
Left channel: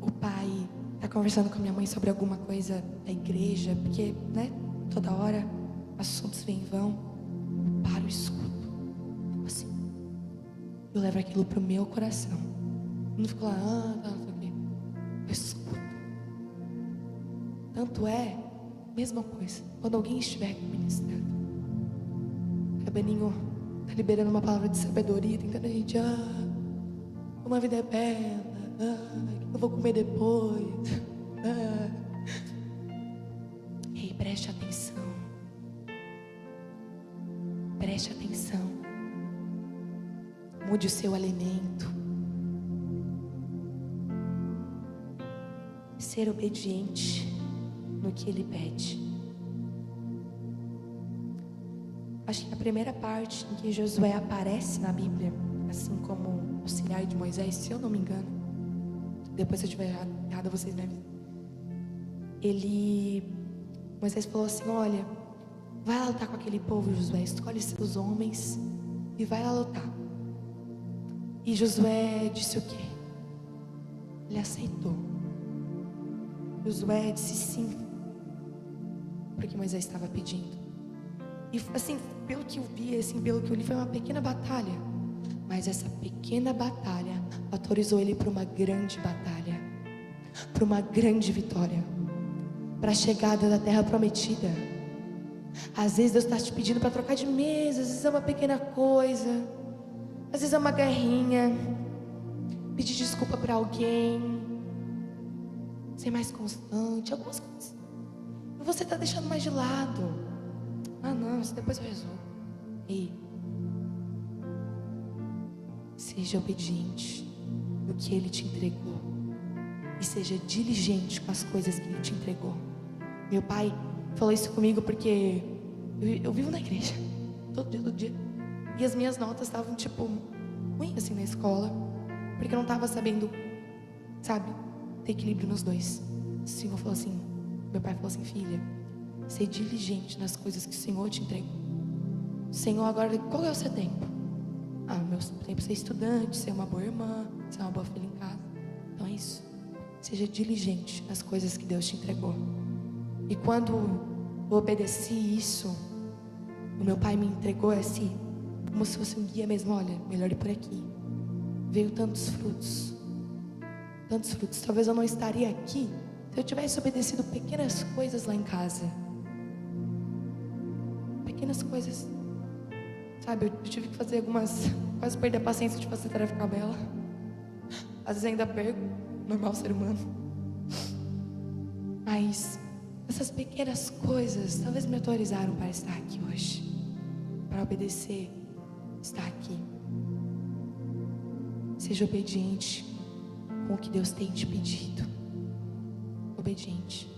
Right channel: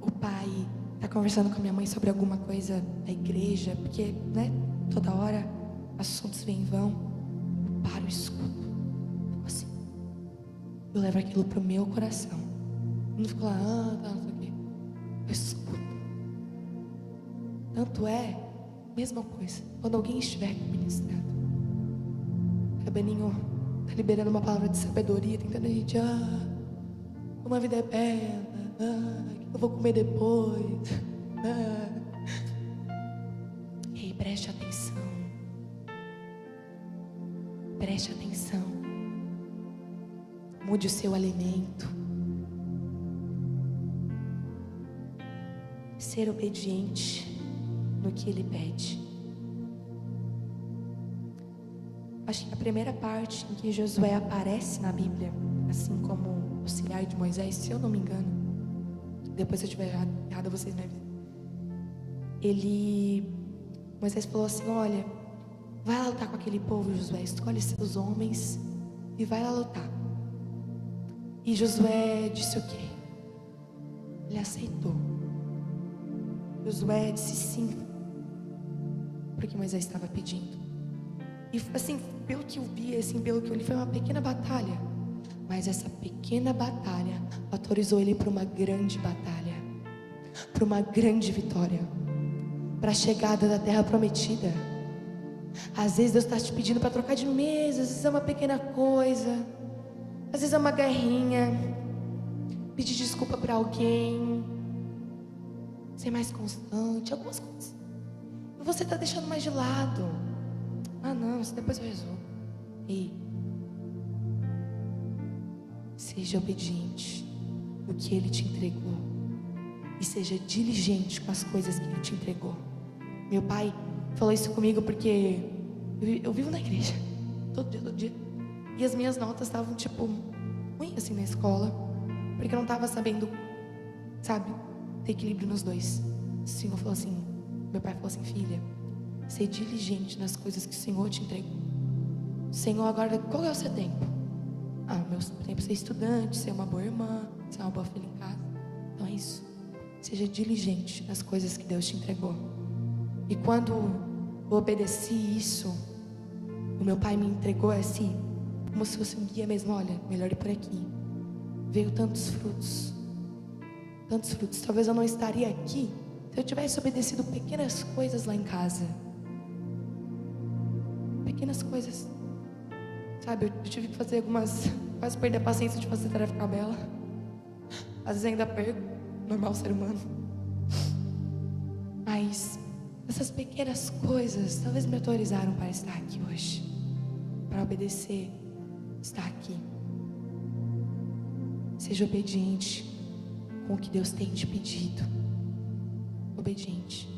o pai está conversando com a minha mãe sobre alguma coisa da igreja, porque, né, toda hora assuntos vêm em vão, eu paro e escuto. Fico assim. Eu levo aquilo pro meu coração. Eu não fico lá, tá, não sei o quê. Eu escuto. Tanto é, mesma coisa, quando alguém estiver aqui ministrando, Beninho tá liberando uma palavra de sabedoria, tentando a gente, uma vida é bela, o que eu vou comer depois? Ei, preste atenção. Preste atenção. Mude o seu alimento. Ser obediente no que Ele pede. Acho que a primeira parte em que Josué aparece na Bíblia, assim como auxiliar de Moisés, se eu não me engano, depois se eu estiver errado, vocês me avisam. Moisés falou assim: olha, vai lá lutar com aquele povo, Josué, escolhe seus homens e vai lá lutar. E Josué disse o quê? Ele aceitou. Josué disse sim, porque Moisés estava pedindo. E assim, pelo que eu vi, assim, pelo que eu li, foi uma pequena batalha. Mas essa pequena batalha autorizou ele para uma grande batalha, para uma grande vitória, para a chegada da terra prometida. Às vezes Deus está te pedindo para trocar de mesa, às vezes é uma pequena coisa, às vezes é uma guerrinha, pedir desculpa para alguém, ser mais constante, algumas coisas. E você está deixando mais de lado. Não, isso depois eu resolvo. Ei, seja obediente no que Ele te entregou e seja diligente com as coisas que Ele te entregou. Meu pai falou isso comigo porque eu vivo na igreja todo dia. E as minhas notas estavam tipo ruim assim na escola, porque eu não estava sabendo, sabe, ter equilíbrio nos dois. O Senhor falou assim, meu pai falou assim: filha, ser diligente nas coisas que o Senhor te entregou. Senhor, agora qual é o seu tempo? Meu tempo é ser estudante, ser uma boa irmã, ser uma boa filha em casa. Então é isso. Seja diligente nas coisas que Deus te entregou. E quando eu obedeci isso, o meu pai me entregou assim, como se fosse um guia mesmo. Olha, melhor ir por aqui. Veio tantos frutos. Tantos frutos. Talvez eu não estaria aqui se eu tivesse obedecido pequenas coisas lá em casa. Pequenas coisas. Sabe, eu tive que fazer algumas, quase perder a paciência de fazer tarefa com a Bela. Às vezes ainda perco, normal ser humano. Mas essas pequenas coisas talvez me autorizaram para estar aqui hoje, para obedecer, estar aqui. Seja obediente com o que Deus tem te pedido. Obediente.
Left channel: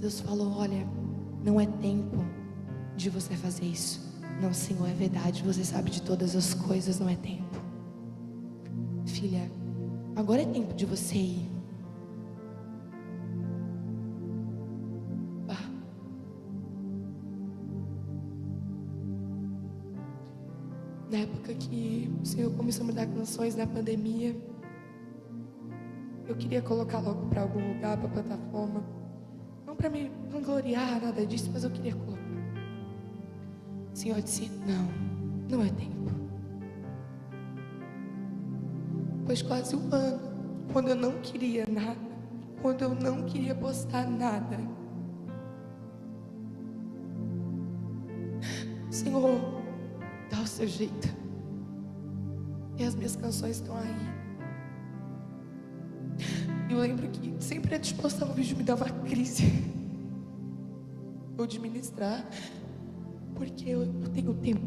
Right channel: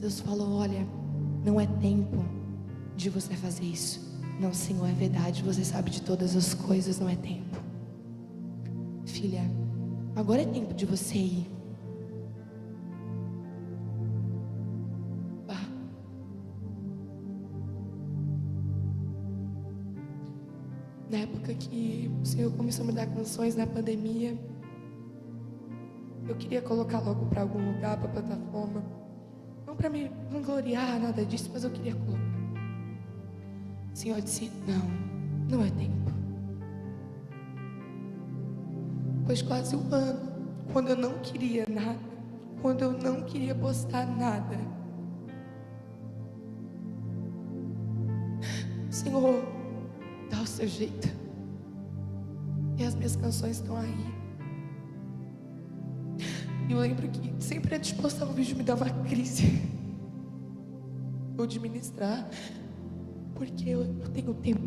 Deus falou: olha, não é tempo de você fazer isso. Não, Senhor, é verdade, você sabe de todas as coisas, não é tempo. Filha, agora é tempo de você ir. Na época que o Senhor começou a me dar canções na pandemia, eu queria colocar logo para algum lugar, para plataforma. Não para me vangloriar, nada disso, mas eu queria colocar. O Senhor disse: não é tempo. Pois quase um ano, quando eu não queria nada, quando eu não queria postar nada, o Senhor dá o seu jeito. E as minhas canções estão aí. Eu lembro que sempre antes de postar um vídeo me dá uma crise. Ou de ministrar. Porque eu tenho tempo.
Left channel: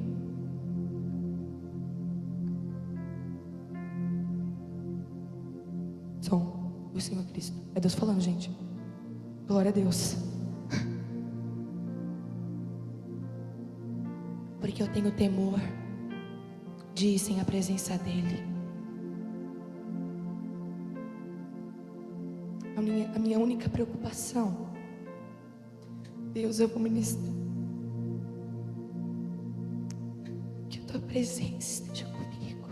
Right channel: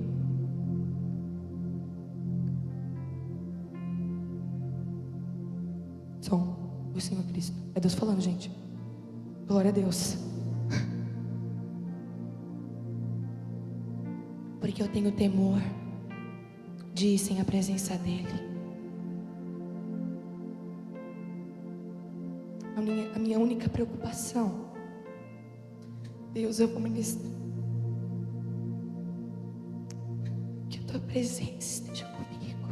Som, o Senhor Cristo. É Deus falando, gente. Glória a Deus. Porque eu tenho temor de ir sem a presença dEle. A minha única preocupação: Deus, eu vou ministrar. Que a tua presença esteja comigo.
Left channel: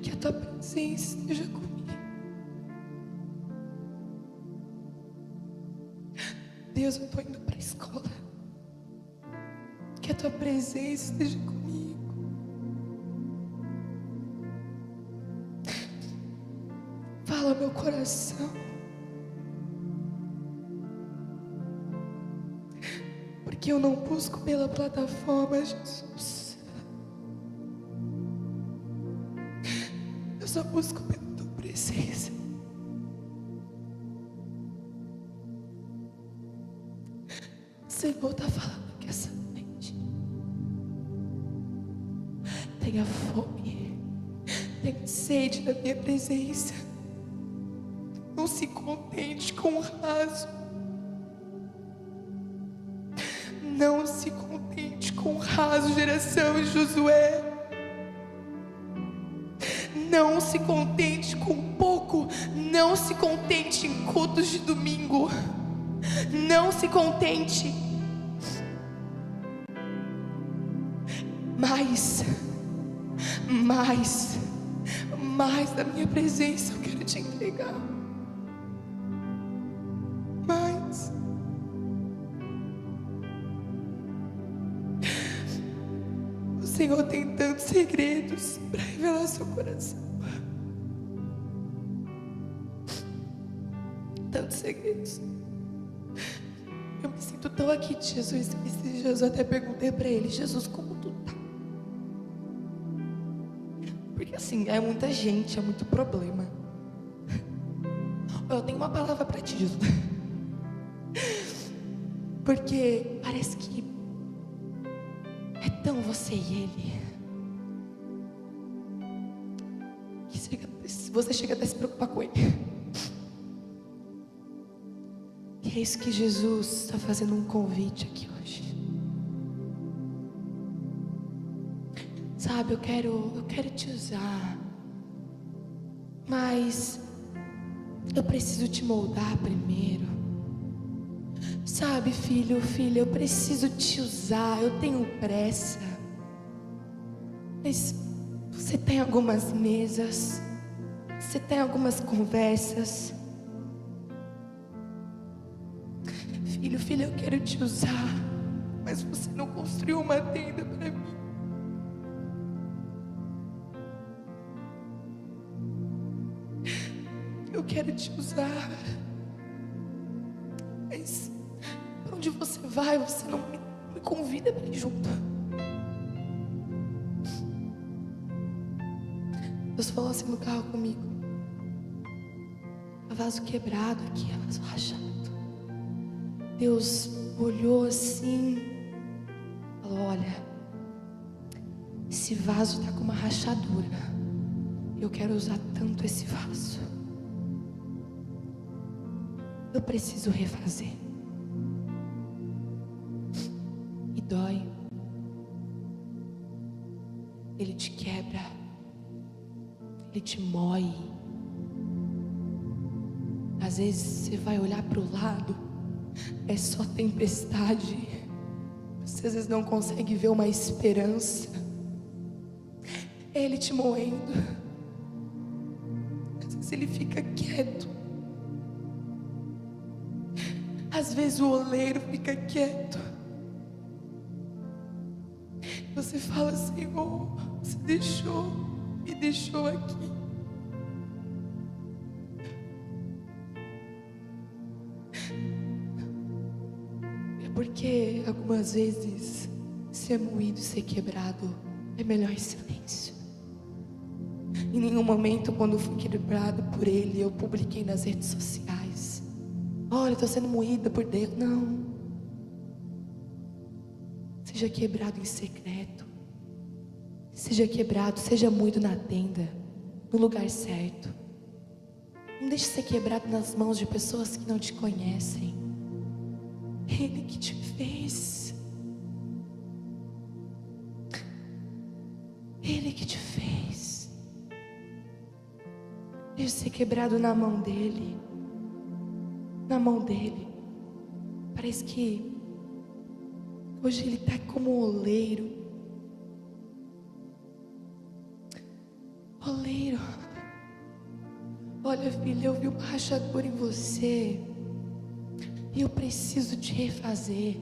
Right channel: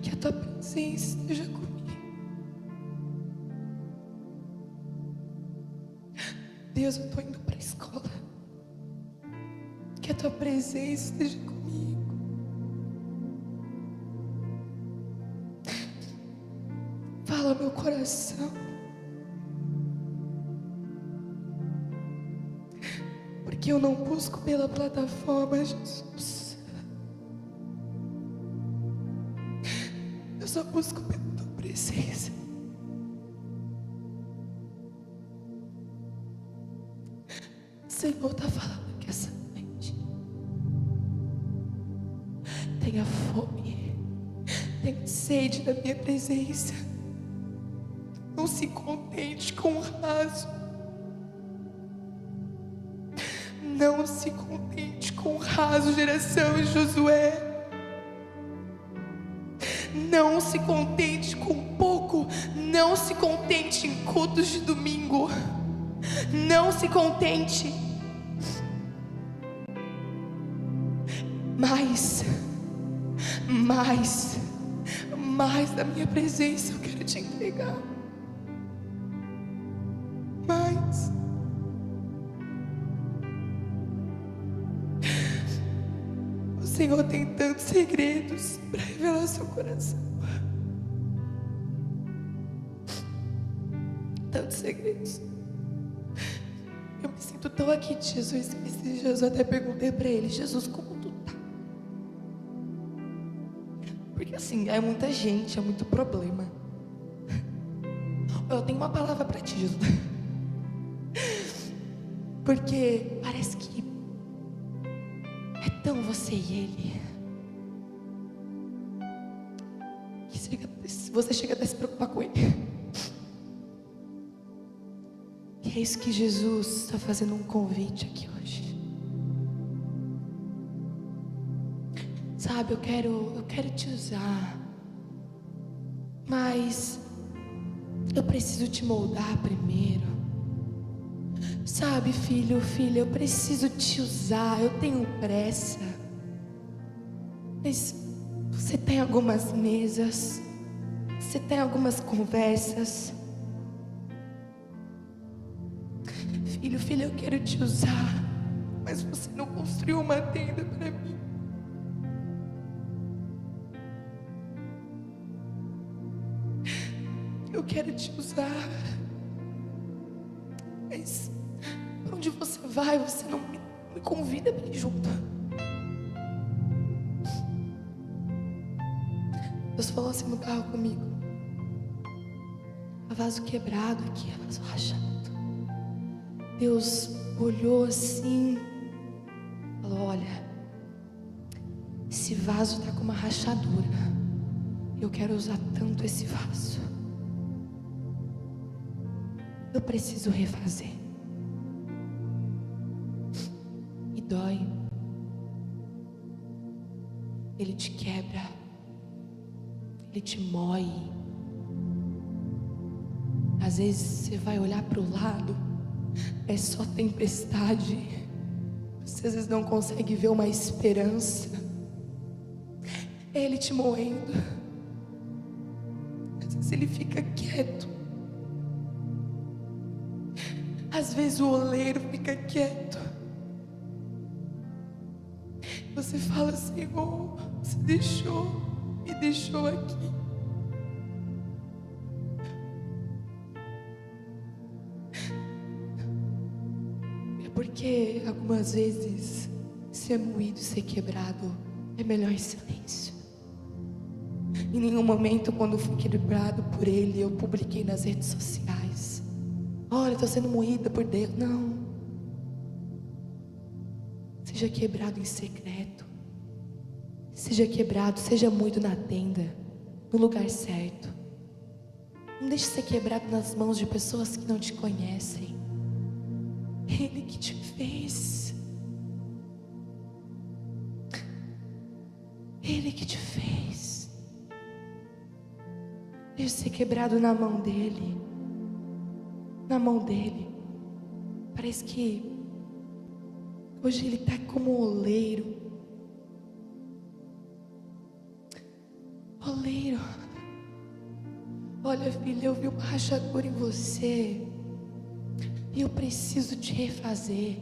Que a tua presença esteja comigo. Deus, eu estou indo para a escola. Que a tua presença esteja comigo. Fala meu coração. Porque eu não busco pela plataforma, Jesus. Eu só busco pela tua presença. O Senhor está falando que essa noite tenha fome, tenha sede da minha presença. Não se contente com o raso. Não se contente com o raso, geração de Josué. Não se contente com pouco. Não se contente em cultos de domingo. Não se contente. Mais da minha presença eu quero te entregar. Mais. O Senhor tem tantos segredos para revelar seu coração. Tantos segredos. Eu me sinto tão aqui de Jesus. Esse Jesus, eu até perguntei para ele: Jesus, como tu tá? Porque assim, é muita gente, é muito problema. Eu tenho uma palavra para ti, Jesus. Porque parece que é tão você e ele que você chega até a se preocupar com ele. E é isso que Jesus está fazendo um convite aqui hoje. Sabe, eu quero te usar, mas eu preciso te moldar primeiro. Sabe, filho, filha, eu preciso te usar, eu tenho pressa. Mas você tem algumas mesas, você tem algumas conversas. Filho, filha, eu quero te usar, mas você não construiu uma tenda para mim. Eu quero te usar, mas para onde você vai, você não me convida para ir junto. Deus falou assim no carro comigo: a vaso quebrado aqui, a vaso rachado. Deus olhou assim, falou: olha, esse vaso está com uma rachadura. Eu quero usar tanto esse vaso. Eu preciso refazer. E dói. Ele te quebra. Ele te moe. Às vezes você vai olhar para o lado, é só tempestade. Você às vezes não consegue ver uma esperança. É Ele te moendo. Às vezes Ele fica quieto. Às vezes o oleiro fica quieto. Você fala: Senhor, você me deixou aqui. É porque algumas vezes ser moído, ser quebrado é melhor em silêncio. Em nenhum momento, quando fui quebrado por Ele, eu publiquei nas redes sociais: olha, estou sendo moída por Deus. Não. Seja quebrado em secreto. Seja quebrado, seja moído na tenda, no lugar certo. Não deixe ser quebrado nas mãos de pessoas que não te conhecem. Ele que te fez. Ele que te fez. Deixe ser quebrado na mão dele. Na mão dele. Parece que hoje ele está como um oleiro. Oleiro. Olha, filha, eu vi uma rachadura em você. E eu preciso te refazer.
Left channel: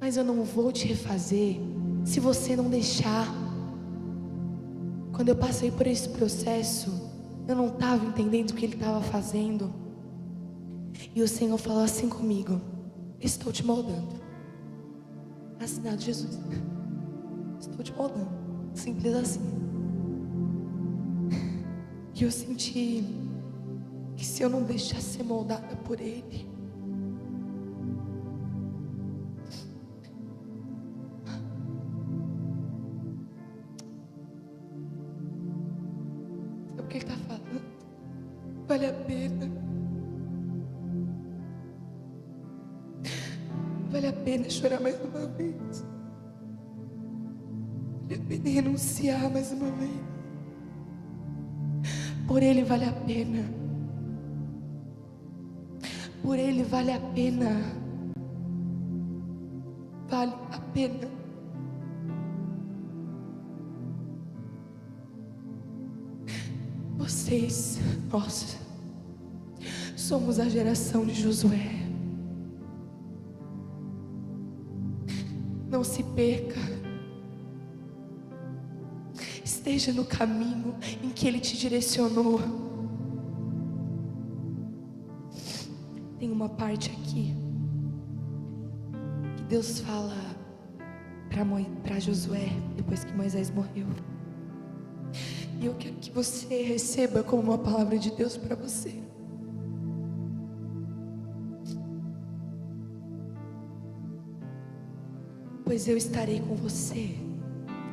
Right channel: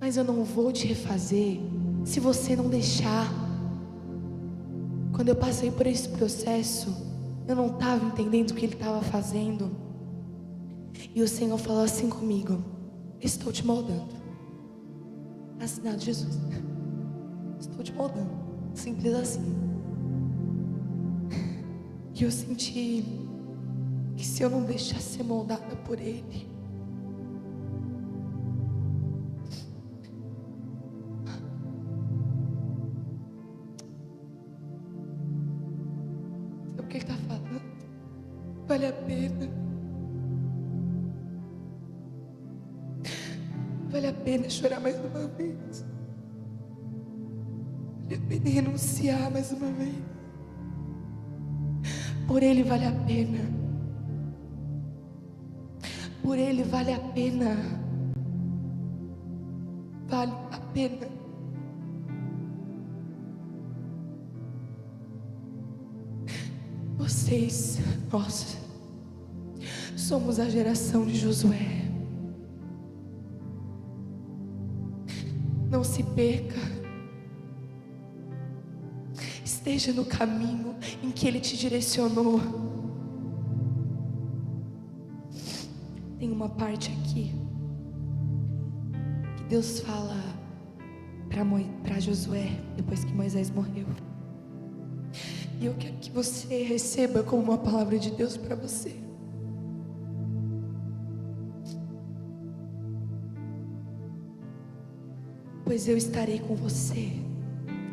Mas eu não vou te refazer se você não deixar. Quando eu passei por esse processo, eu não estava entendendo o que Ele estava fazendo. E o Senhor falou assim comigo: estou te moldando. Assinado Jesus. Estou te moldando. Simples assim. E eu senti que se eu não deixar ser moldada por Ele, sabe o que Ele está falando? Vale a pena. Vale a pena chorar mais uma vez. Vale a pena renunciar mais uma vez. Por Ele vale a pena. Por Ele vale a pena. Vale a pena. Vocês, nós, somos a geração de Josué. Não se perca. Esteja no caminho em que Ele te direcionou. Tem uma parte aqui que Deus fala para Josué depois que Moisés morreu. E eu quero que você receba como uma palavra de Deus para você. Pois eu estarei com você,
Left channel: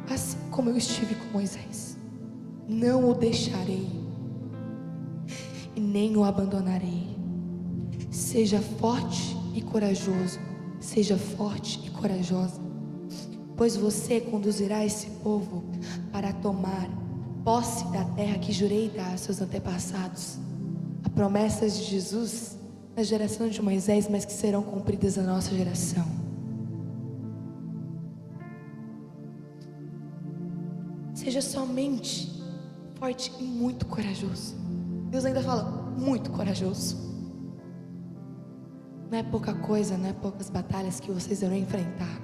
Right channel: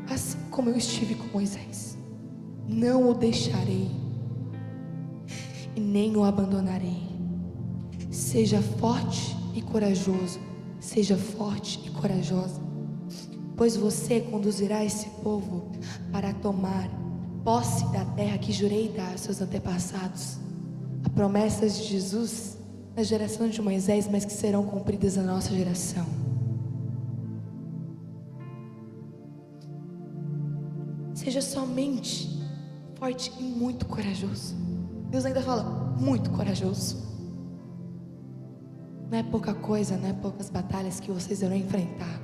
assim como eu estive com Moisés. Não o deixarei e nem o abandonarei. Seja forte e corajoso. Seja forte e corajosa, pois você conduzirá esse povo para tomar posse da terra que jurei dar aos seus antepassados. Há promessas de Jesus na geração de Moisés, mas que serão cumpridas na nossa geração. Seja somente forte e muito corajoso. Deus ainda fala, muito corajoso. Não é pouca coisa, não é poucas batalhas que vocês irão enfrentar.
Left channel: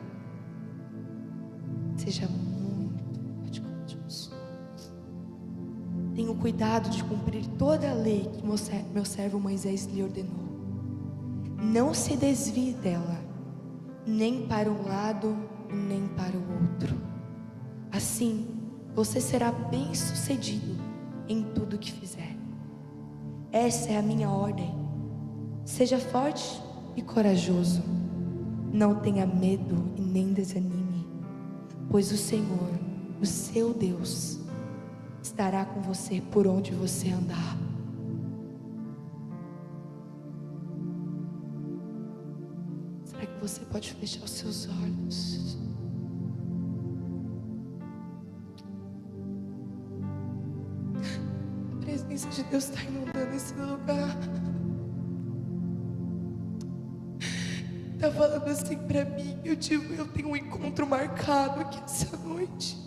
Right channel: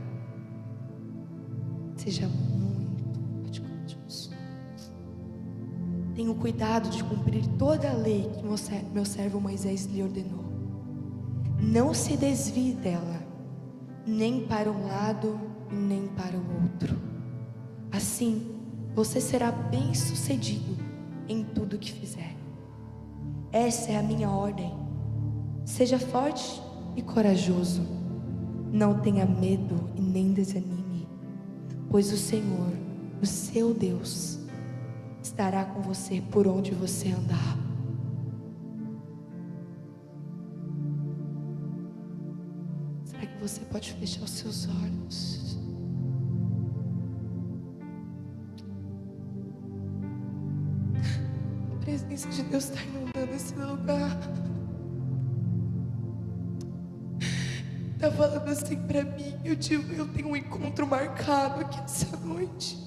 Seja muito forte e corajoso. Tenha cuidado de cumprir toda a lei que meu servo Moisés lhe ordenou. Não se desvie dela, nem para um lado e nem para o outro. Assim, você será bem-sucedido em tudo que fizer. Essa é a minha ordem. Seja forte e corajoso. Não tenha medo e nem desanime, pois o Senhor, o seu Deus, estará com você por onde você andar. Será que você pode fechar os seus olhos? A presença de Deus está inundando esse lugar. Está falando assim para mim. Eu tenho um encontro marcado aqui essa noite.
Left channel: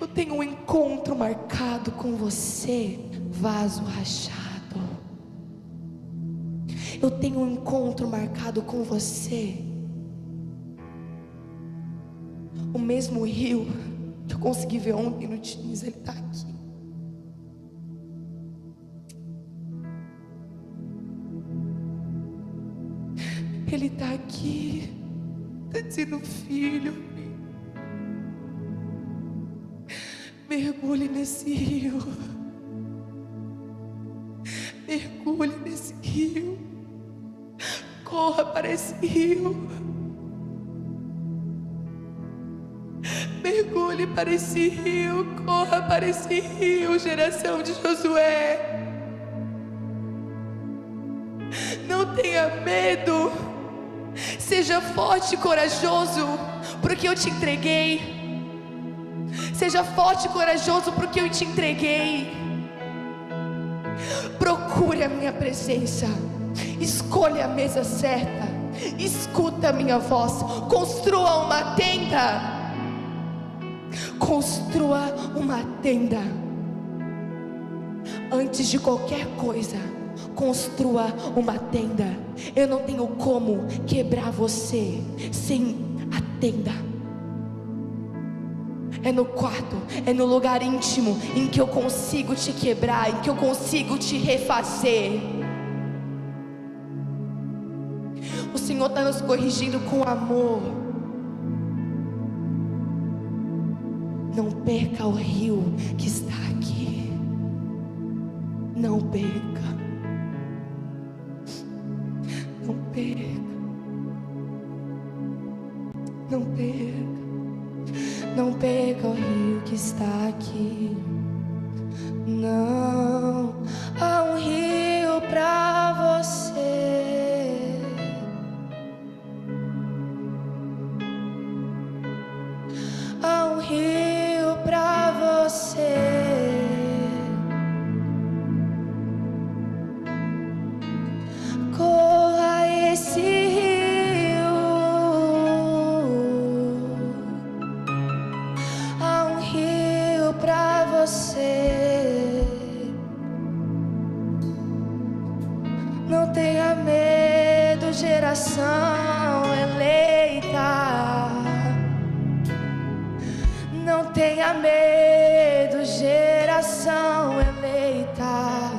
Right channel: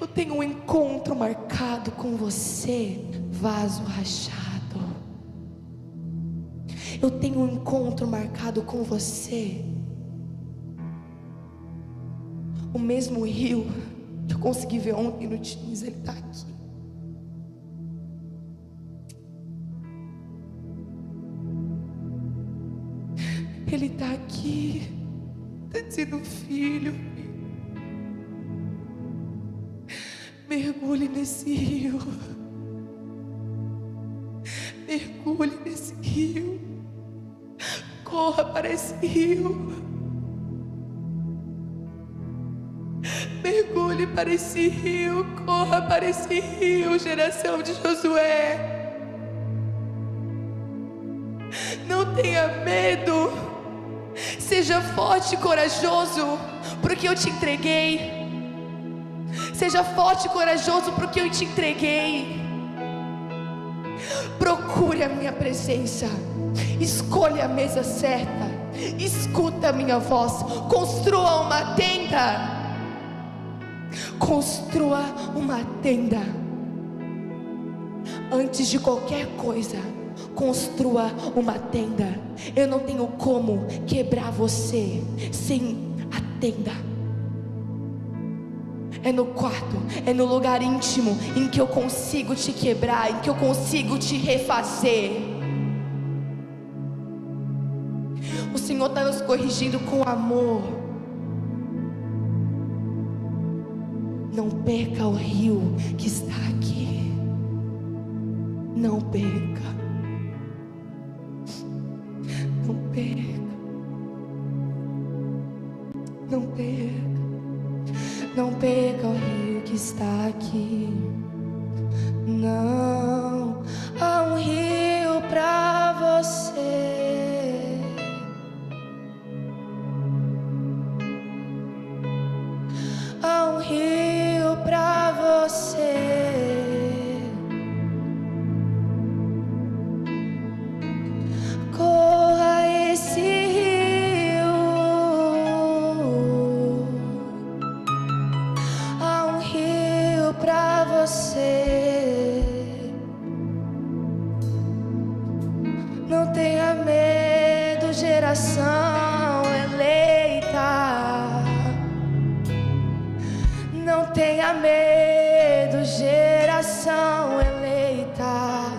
Eu tenho um encontro marcado com você, vaso rachado. Eu tenho um encontro marcado com você. O mesmo rio que eu consegui ver ontem no Teams, ele está aqui. Ele está aqui. Está dizendo, filho, mergulhe nesse rio. Mergulhe nesse rio. Corra para esse rio. Mergulhe para esse rio. Corra para esse rio, geração de Josué. Não tenha medo. Seja forte e corajoso, porque eu te entreguei. Seja forte e corajoso, porque eu te entreguei. Procure a minha presença. Escolha a mesa certa. Escuta a minha voz. Construa uma tenda. Construa uma tenda. Antes de qualquer coisa, construa uma tenda. Eu não tenho como quebrar você sem a tenda. É no quarto, é no lugar íntimo em que eu consigo te quebrar, em que eu consigo te refazer. Senhor está nos corrigindo com amor. Não perca o rio que está aqui. Não perca. Não perca. Não perca. Não perca o rio que está aqui. Não há um rio pra você. Há um rio pra você. Corra esse rio. Há um rio pra você. Não tenha medo, geração eleita. Não tenha medo, geração eleita.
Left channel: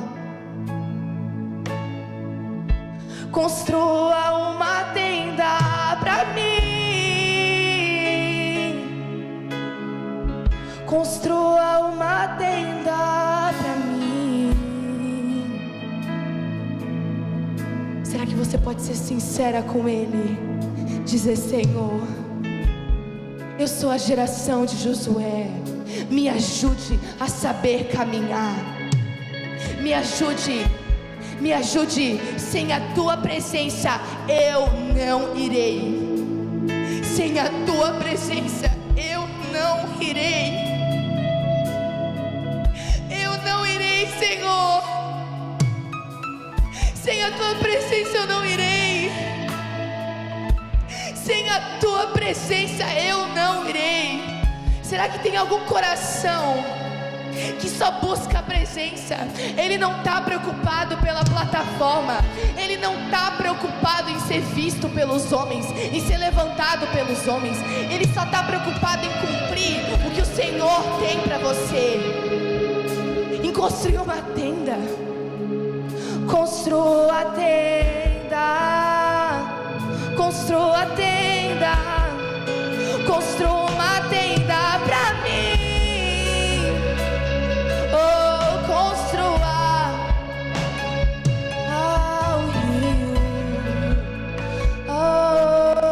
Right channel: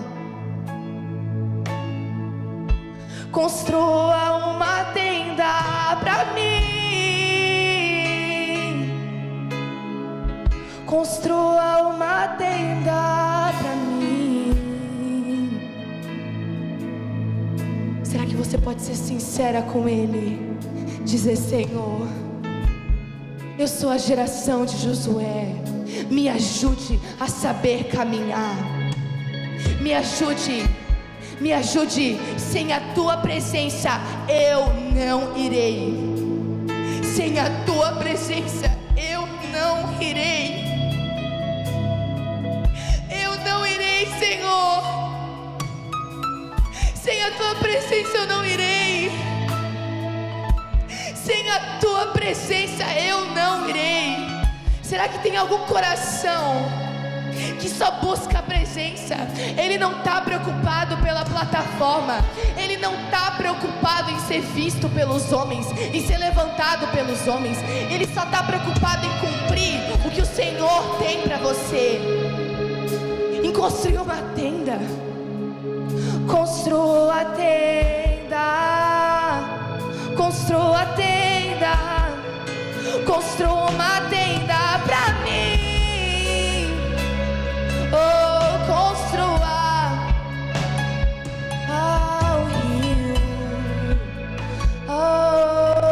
Construa uma tenda pra mim. Construa uma tenda pra mim. Será que você pode ser sincera com Ele? Dizer: Senhor, eu sou a geração de Josué. Me ajude a saber caminhar. Me ajude. Me ajude. Sem a tua presença eu não irei. Sem a tua presença eu não irei. Eu não irei, Senhor. Sem a tua presença eu não irei. Sem a tua presença eu não irei. Será que tem algum coração que só busca a presença? Ele não está preocupado pela plataforma. Ele não está preocupado em ser visto pelos homens, em ser levantado pelos homens. Ele só está preocupado em cumprir o que o Senhor tem para você. Em construir uma tenda. Construa a tenda. Construa a tenda. Construa uma tenda pra mim. Oh, construa ao rio. Oh,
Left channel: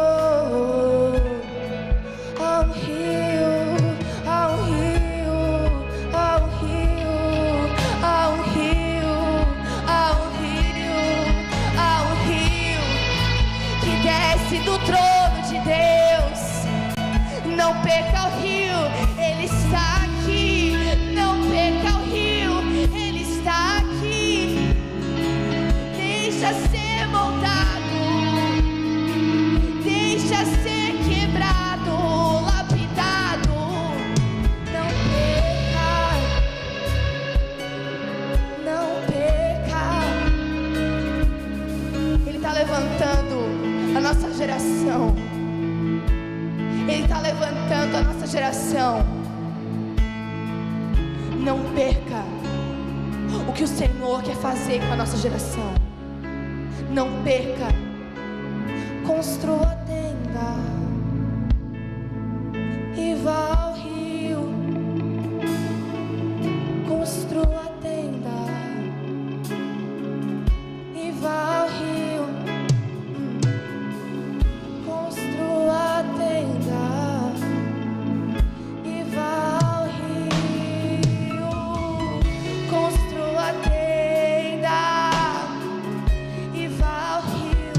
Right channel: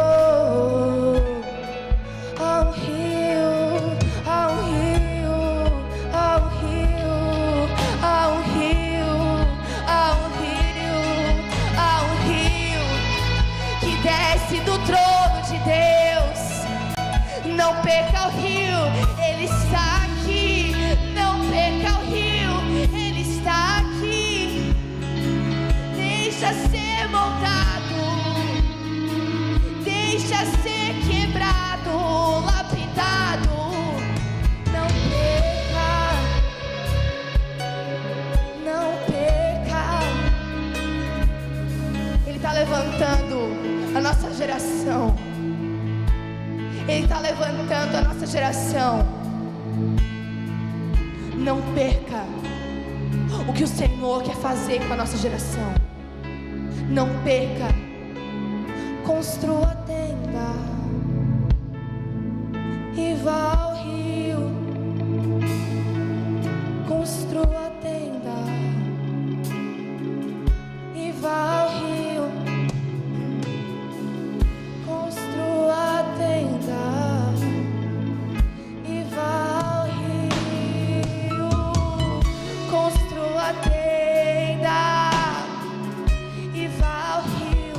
ao rio, ao rio, ao rio, ao rio, ao rio, ao rio que desce do trono de Deus. Não perca o rio, Ele está aqui. Não perca o rio, Ele está aqui. Deixa ser moldado, deixa ser quebrado, lapidado. Não perca, não perca. Ele está levantando a nossa geração. Ele está levantando a nossa geração. Não perca o que o Senhor quer fazer com a nossa geração. Não perca. Construa a tenda e vá ao rio. Construa a tenda e vá ao rio. Construa a tenda e vá ao rio. Construa a tenda e vá ao rio.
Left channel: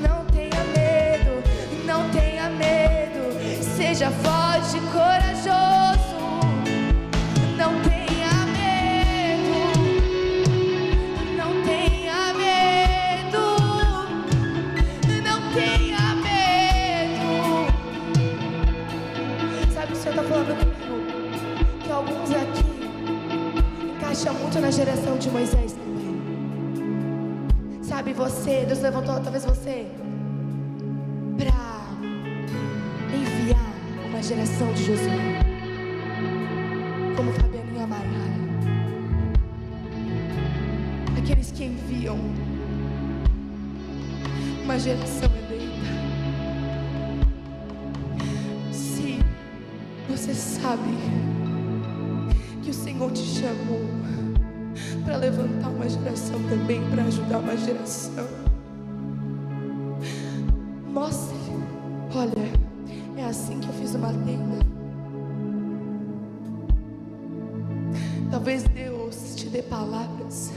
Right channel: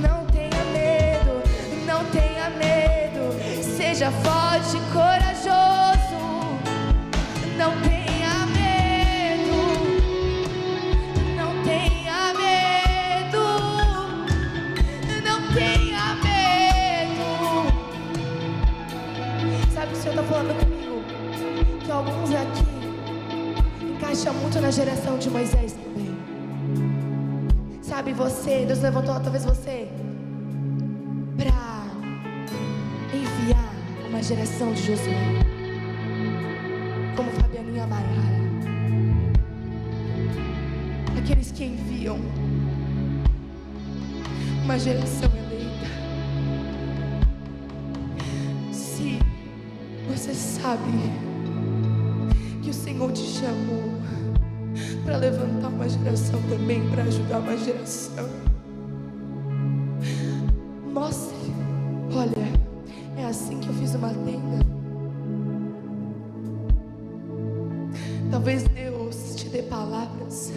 Não tenha medo, não tenha medo. Seja forte e corajoso. Não tenha medo, não tenha medo, não tenha medo. Sabe o que o Senhor está falando comigo? Que alguns aqui encaixam muito na geração de Moisés também. Sabe, você, Deus levantou talvez você para enviar uma geração de Josué, como Fabianinha Maiara. Aqueles que enviam. uma geração eleita. Se você sabe que o Senhor te chamou para levantar uma geração também, para ajudar uma geração, mostre. Olha, é assim que eu fiz uma tenda. Talvez Deus te dê palavras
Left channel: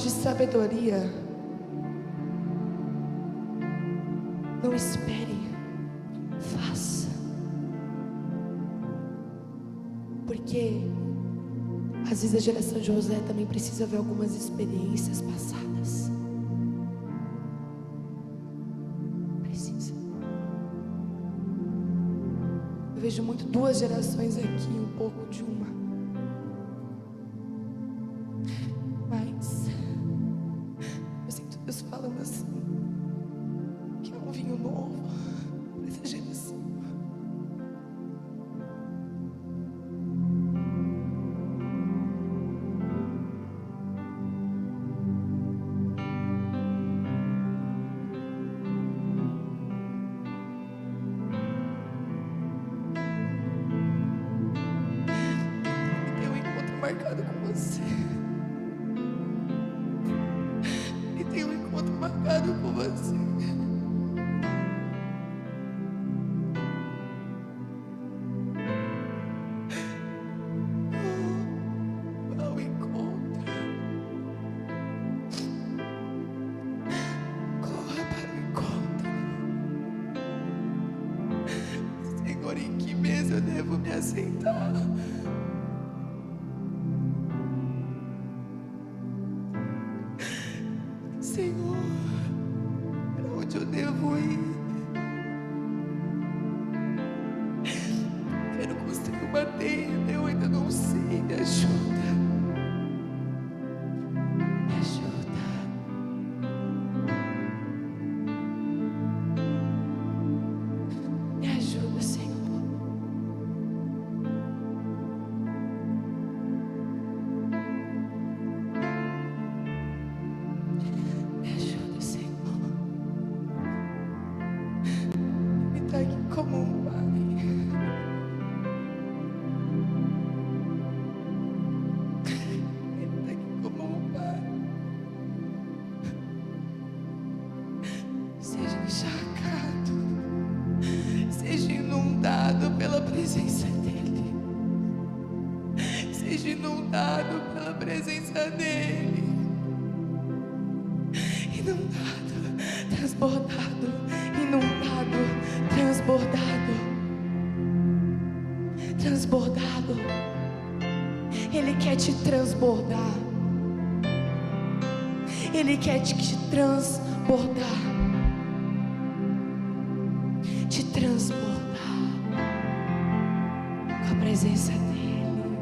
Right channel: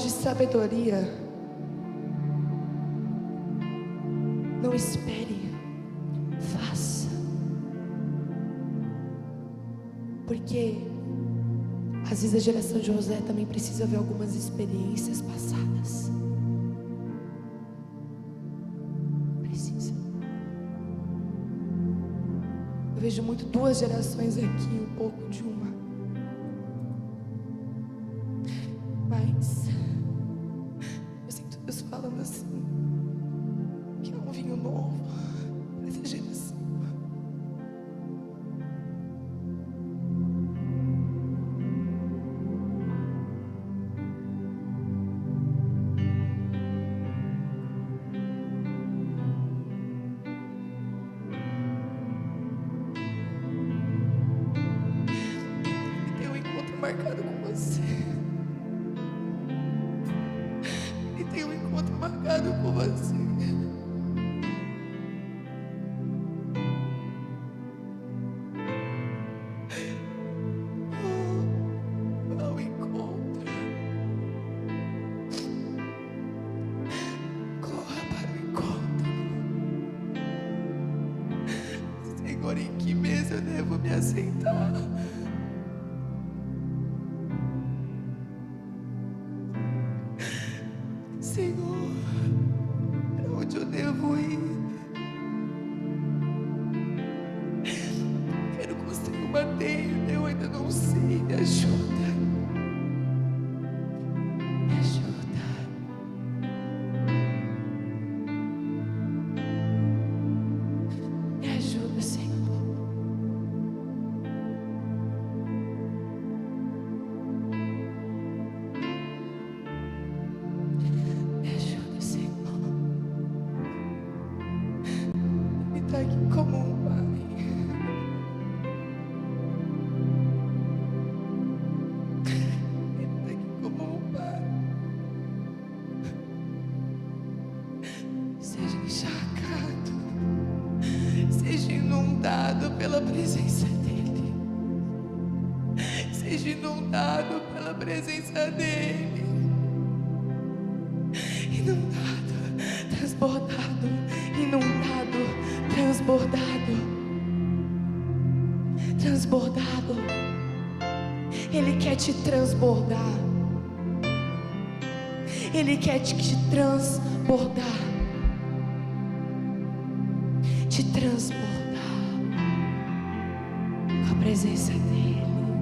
de sabedoria. Não espere, faça. Porque às vezes a geração de José também precisa ver algumas experiências passadas. Precisa. Eu vejo muito duas gerações aqui, um pouco de uma. Mas eu sinto Deus falando assim, que é um vinho novo para essa geração. E tem um encontro marcado com você. E tem um encontro marcado com você. Oh, ao encontro. Corra para o encontro. Senhor, em que mesa eu devo me assentar? Senhor, para onde eu devo ir? Quero construir uma tenda, eu ainda não sei. Me ajuda. Me ajuda. Me ajuda, Senhor. Está aqui como um pai. Ele está aqui como um pai. Seja encharcado, seja inundado pela presença dEle. Seja inundado pela presença dEle. Inundado, transbordado, inundado, transbordado, transbordado. Ele quer te transbordar. Ele quer te transbordar. Te transbordar com a presença dEle.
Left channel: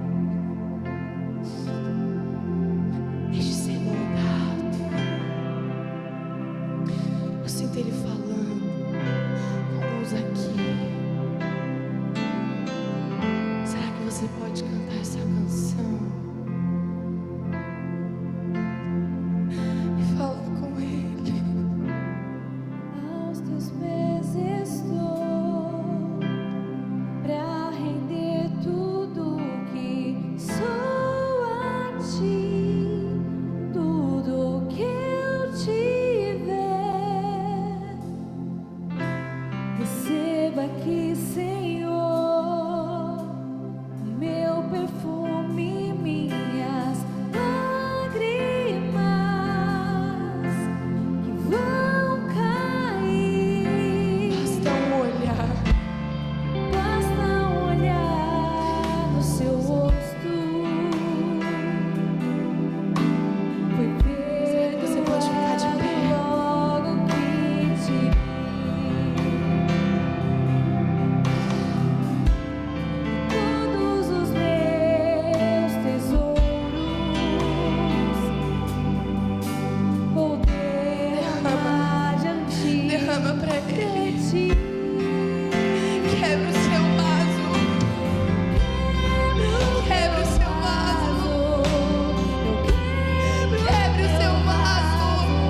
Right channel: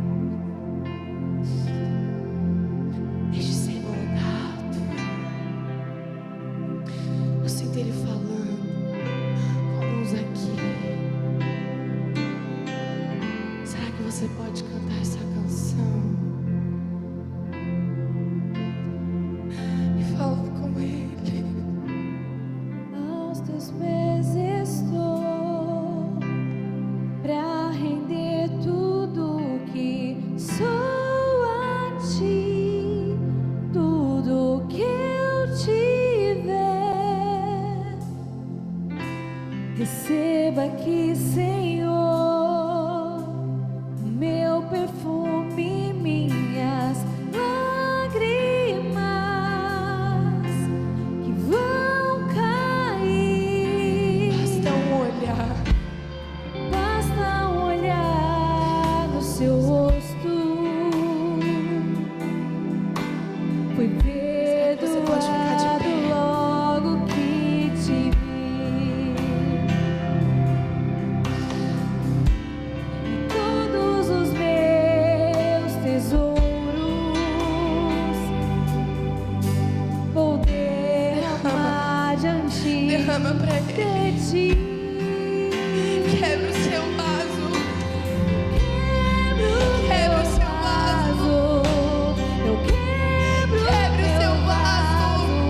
Deixe ser moldado. Eu sinto Ele falando com uns aqui. Será que você pode cantar essa canção e falar com Ele? Aos teus pés estou, pra render tudo que sou a ti, tudo que eu tiver. Receba aqui, Senhor, meu perfume, minhas lágrimas que vão cair. Basta um olhar. Basta um olhar no seu rosto. Fui Você pode ficar de perdoado pé. logo que te vi. E todos os meus tesouros vou derramar diante Derrama pra Ele. de ti. Quebra o seu vaso. Quebra o seu vaso. Eu quebro Quebre o seu vaso.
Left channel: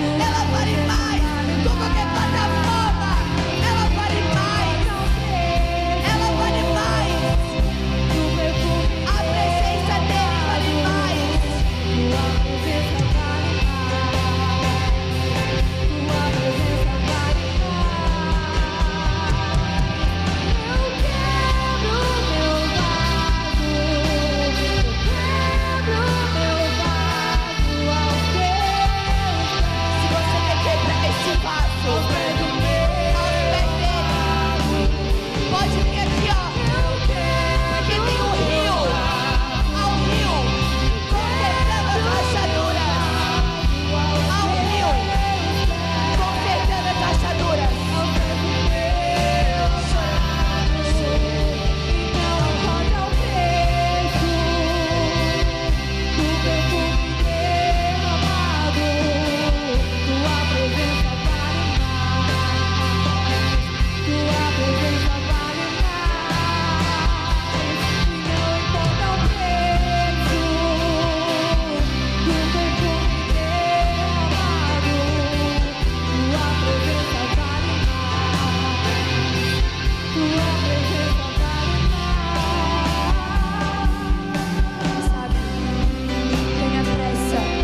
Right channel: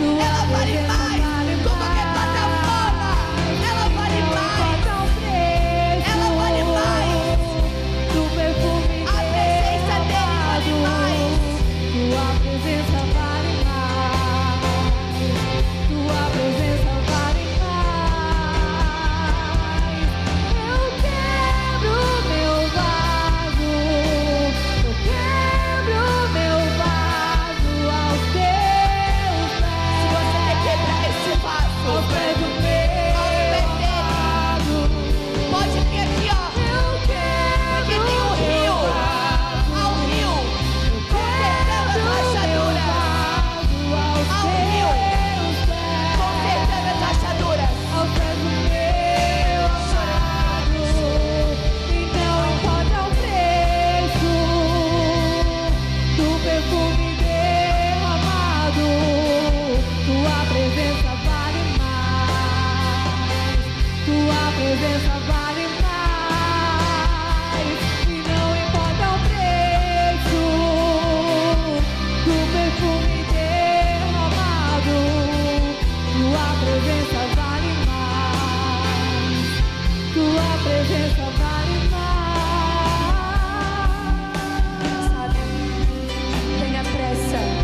Ela vale mais com qualquer plataforma. Ela vale mais. Ela vale mais. A presença dele vale mais. Tua presença vale mais. Tua presença vale mais. Eu quebro meu vaso. Eu quebro meu vaso aos teus pés. Se você quer quebrar esse vaso, Aos pés do meu aos pés dele, vaso. pode vir aqui, ó. Eu quebro Porque tem um rio. Ao rio, consertando as rachaduras. Ao rio, consertando as rachaduras. Aos pés do meu amado, e não importa o preço do perfume derramado, tua presença vale mais, tua presença vale mais, e não importa o preço do perfume derramado, tua presença vale mais, tua presença vale mais. Sabe,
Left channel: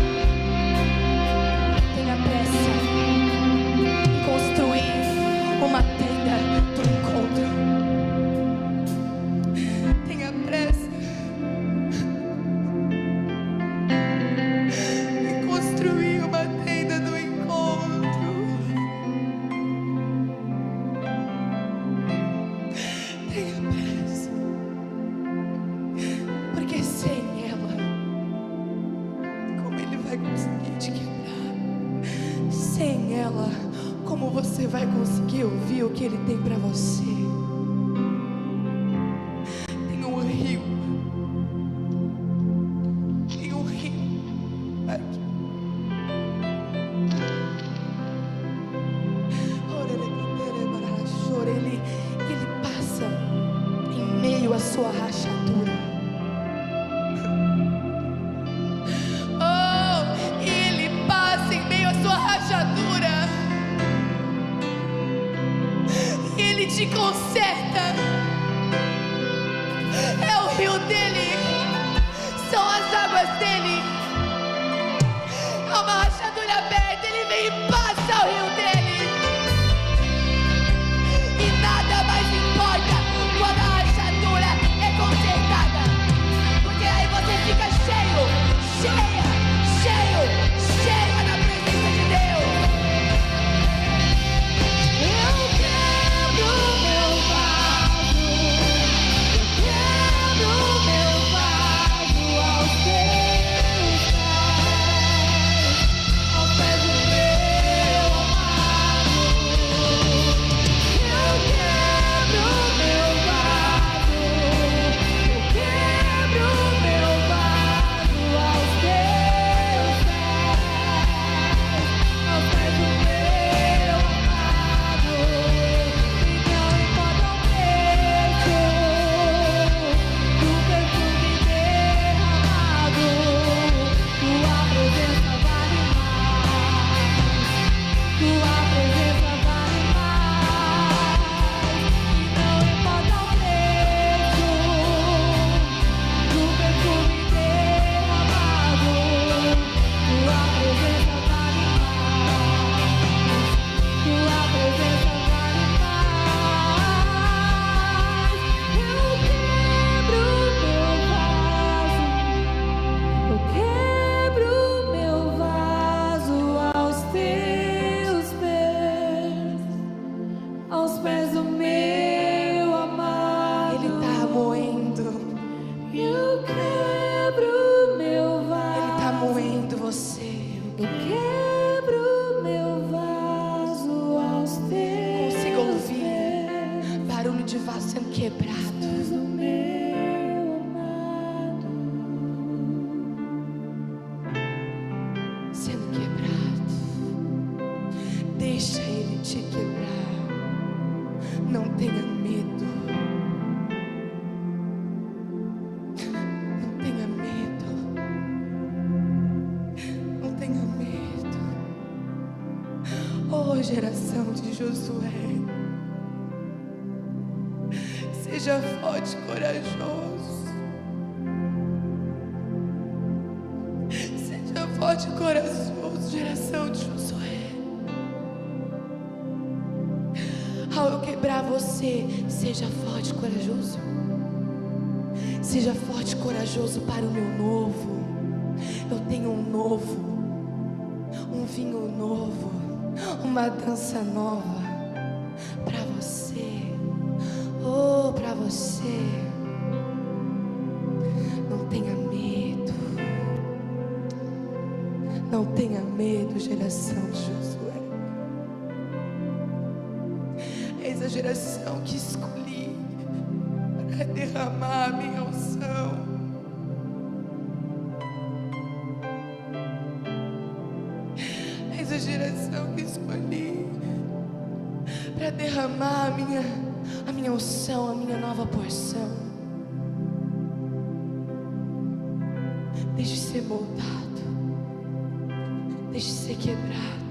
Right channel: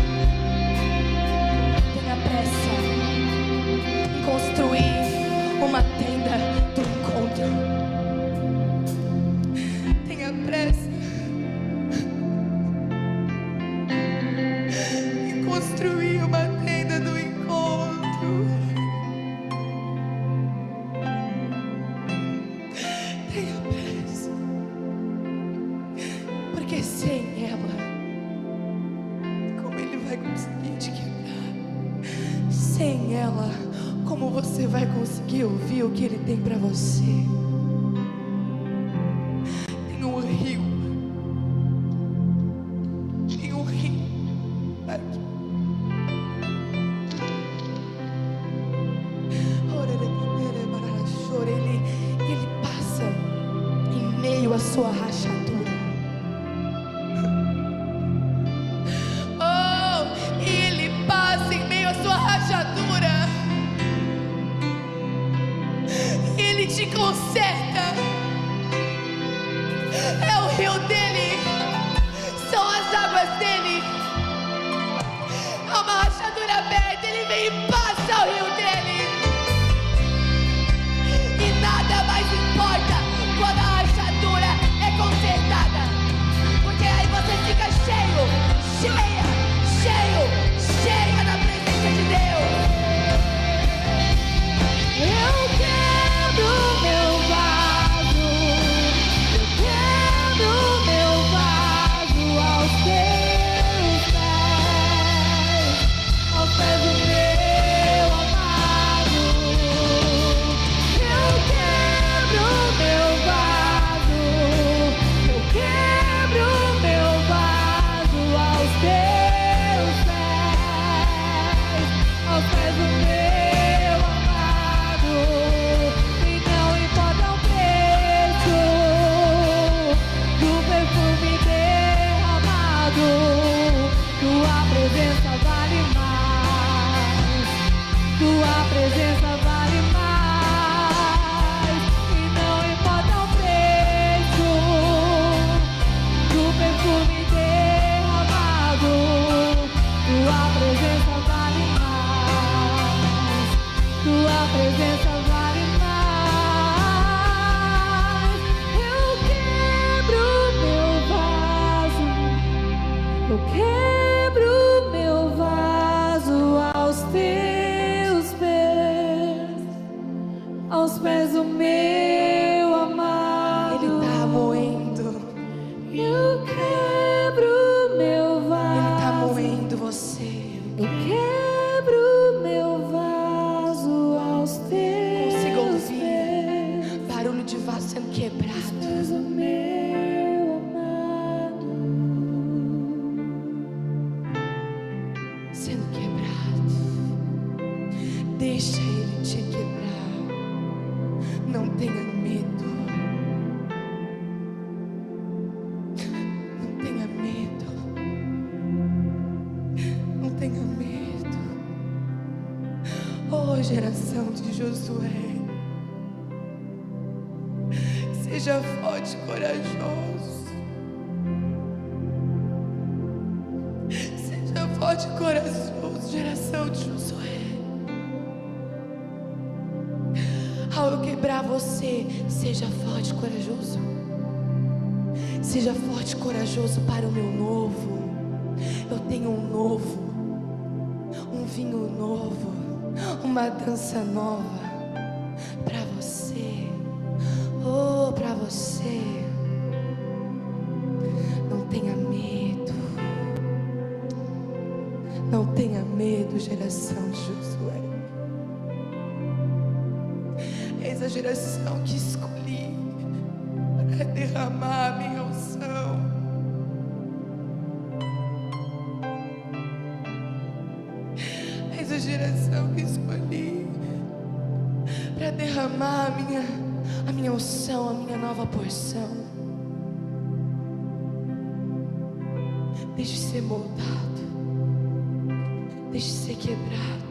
tenha pressa em construir uma tenda do encontro. Tenha pressa em construir uma tenda do encontro. Tenha pressa, porque sem ela, como ele vai conseguir te quebrar? Sem ela, como você vai conseguir ouvir o que ele tem para você? Tem um rio aqui. Ele passa em meio à sua rachadura. Oh, ele passa em meio à sua rachadura. Ele te conserta. É o rio dele, são as águas dele. Há uma rachadura aberta, ele vem e passa o rio dele. E nada mais importa quando a rachadura é consertada, porque aí você fica cheia na presença de Deus. Eu quebro meu vaso, eu quebro meu vaso aos teus pés do meu amado. Eu quebro meu vaso, eu quebro meu vaso aos teus pés do meu amado, e não importa o preço do perfume derramado, tua presença vale mais, tua presença vale mais, e não importa o preço do perfume derramado, tua presença vale mais, tua presença vale mais. Eu quebro meu vaso, eu quebro meu vaso aos teus pés do meu amado. Ele tá moendo, Eu quebro meu vaso, ele tá moendo você. eu quebro meu vaso aos teus Consigo ouvir pés. barulho de vaso sendo quebrado. És o meu amado, Sendo quebrado. Deixa ele te quebrar. Não tenha medo. Não tenha medo. Não tenha medo. Oh, geração de Josué, seja forte e corajoso. Seja forte e corajoso, geração de Josué. Ao eu quebrar você, seja forte e corajoso. Seja forte e corajoso para o meu novo. Eu tenho um novo, um vinho novo, uma dança nova para você. Oh, para você. Não tenha medo. Não tenha medo, geração de Josué. Eis a geração que escolhi para derramar a minha unção. Eis a geração que escolhi para derramar a minha unção, a minha nova porção. Deixe ser moldado, deixe ser quebrado.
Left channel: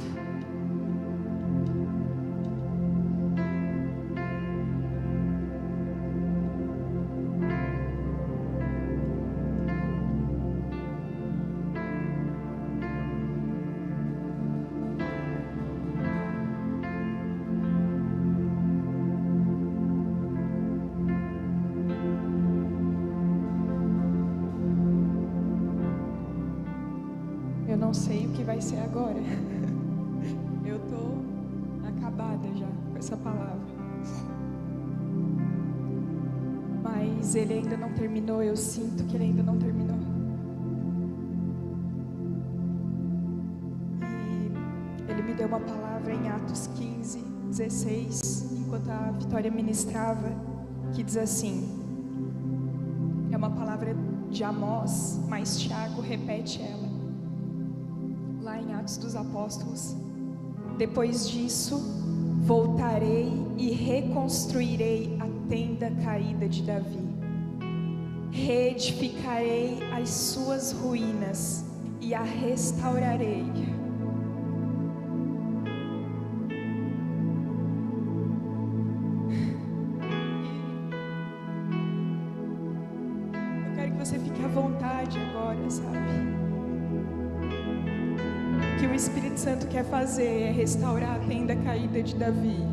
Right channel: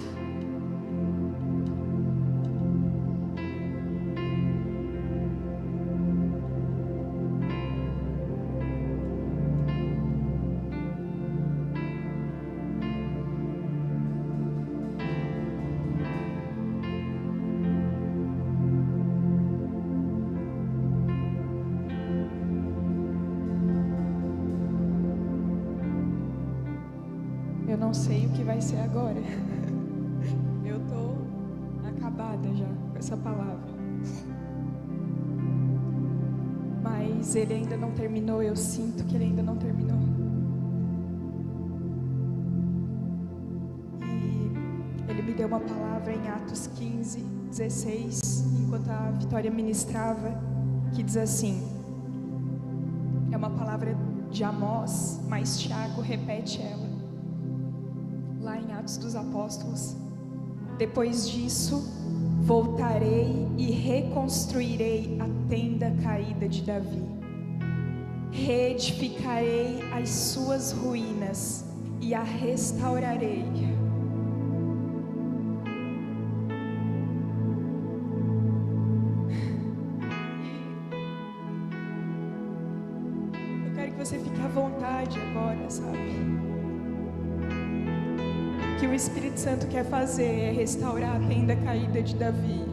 Eu não sei o que vai ser agora. Eu tô acabada já com essa palavra. Mas ele ainda não terminou, eu sinto que ele ainda não terminou. E ele me deu uma palavra em Atos 15, 16, enquanto a Vitória ministrava, que diz assim: é uma palavra de Amós, mas Tiago repete ela. Lá em Atos dos Apóstolos: depois disso, voltarei e reconstruirei a tenda caída de Davi. Reedificarei as suas ruínas e a restaurarei. Eu quero que você fique à vontade agora, sabe? Que o Espírito Santo quer fazer é restaurar a tenda caída de Davi,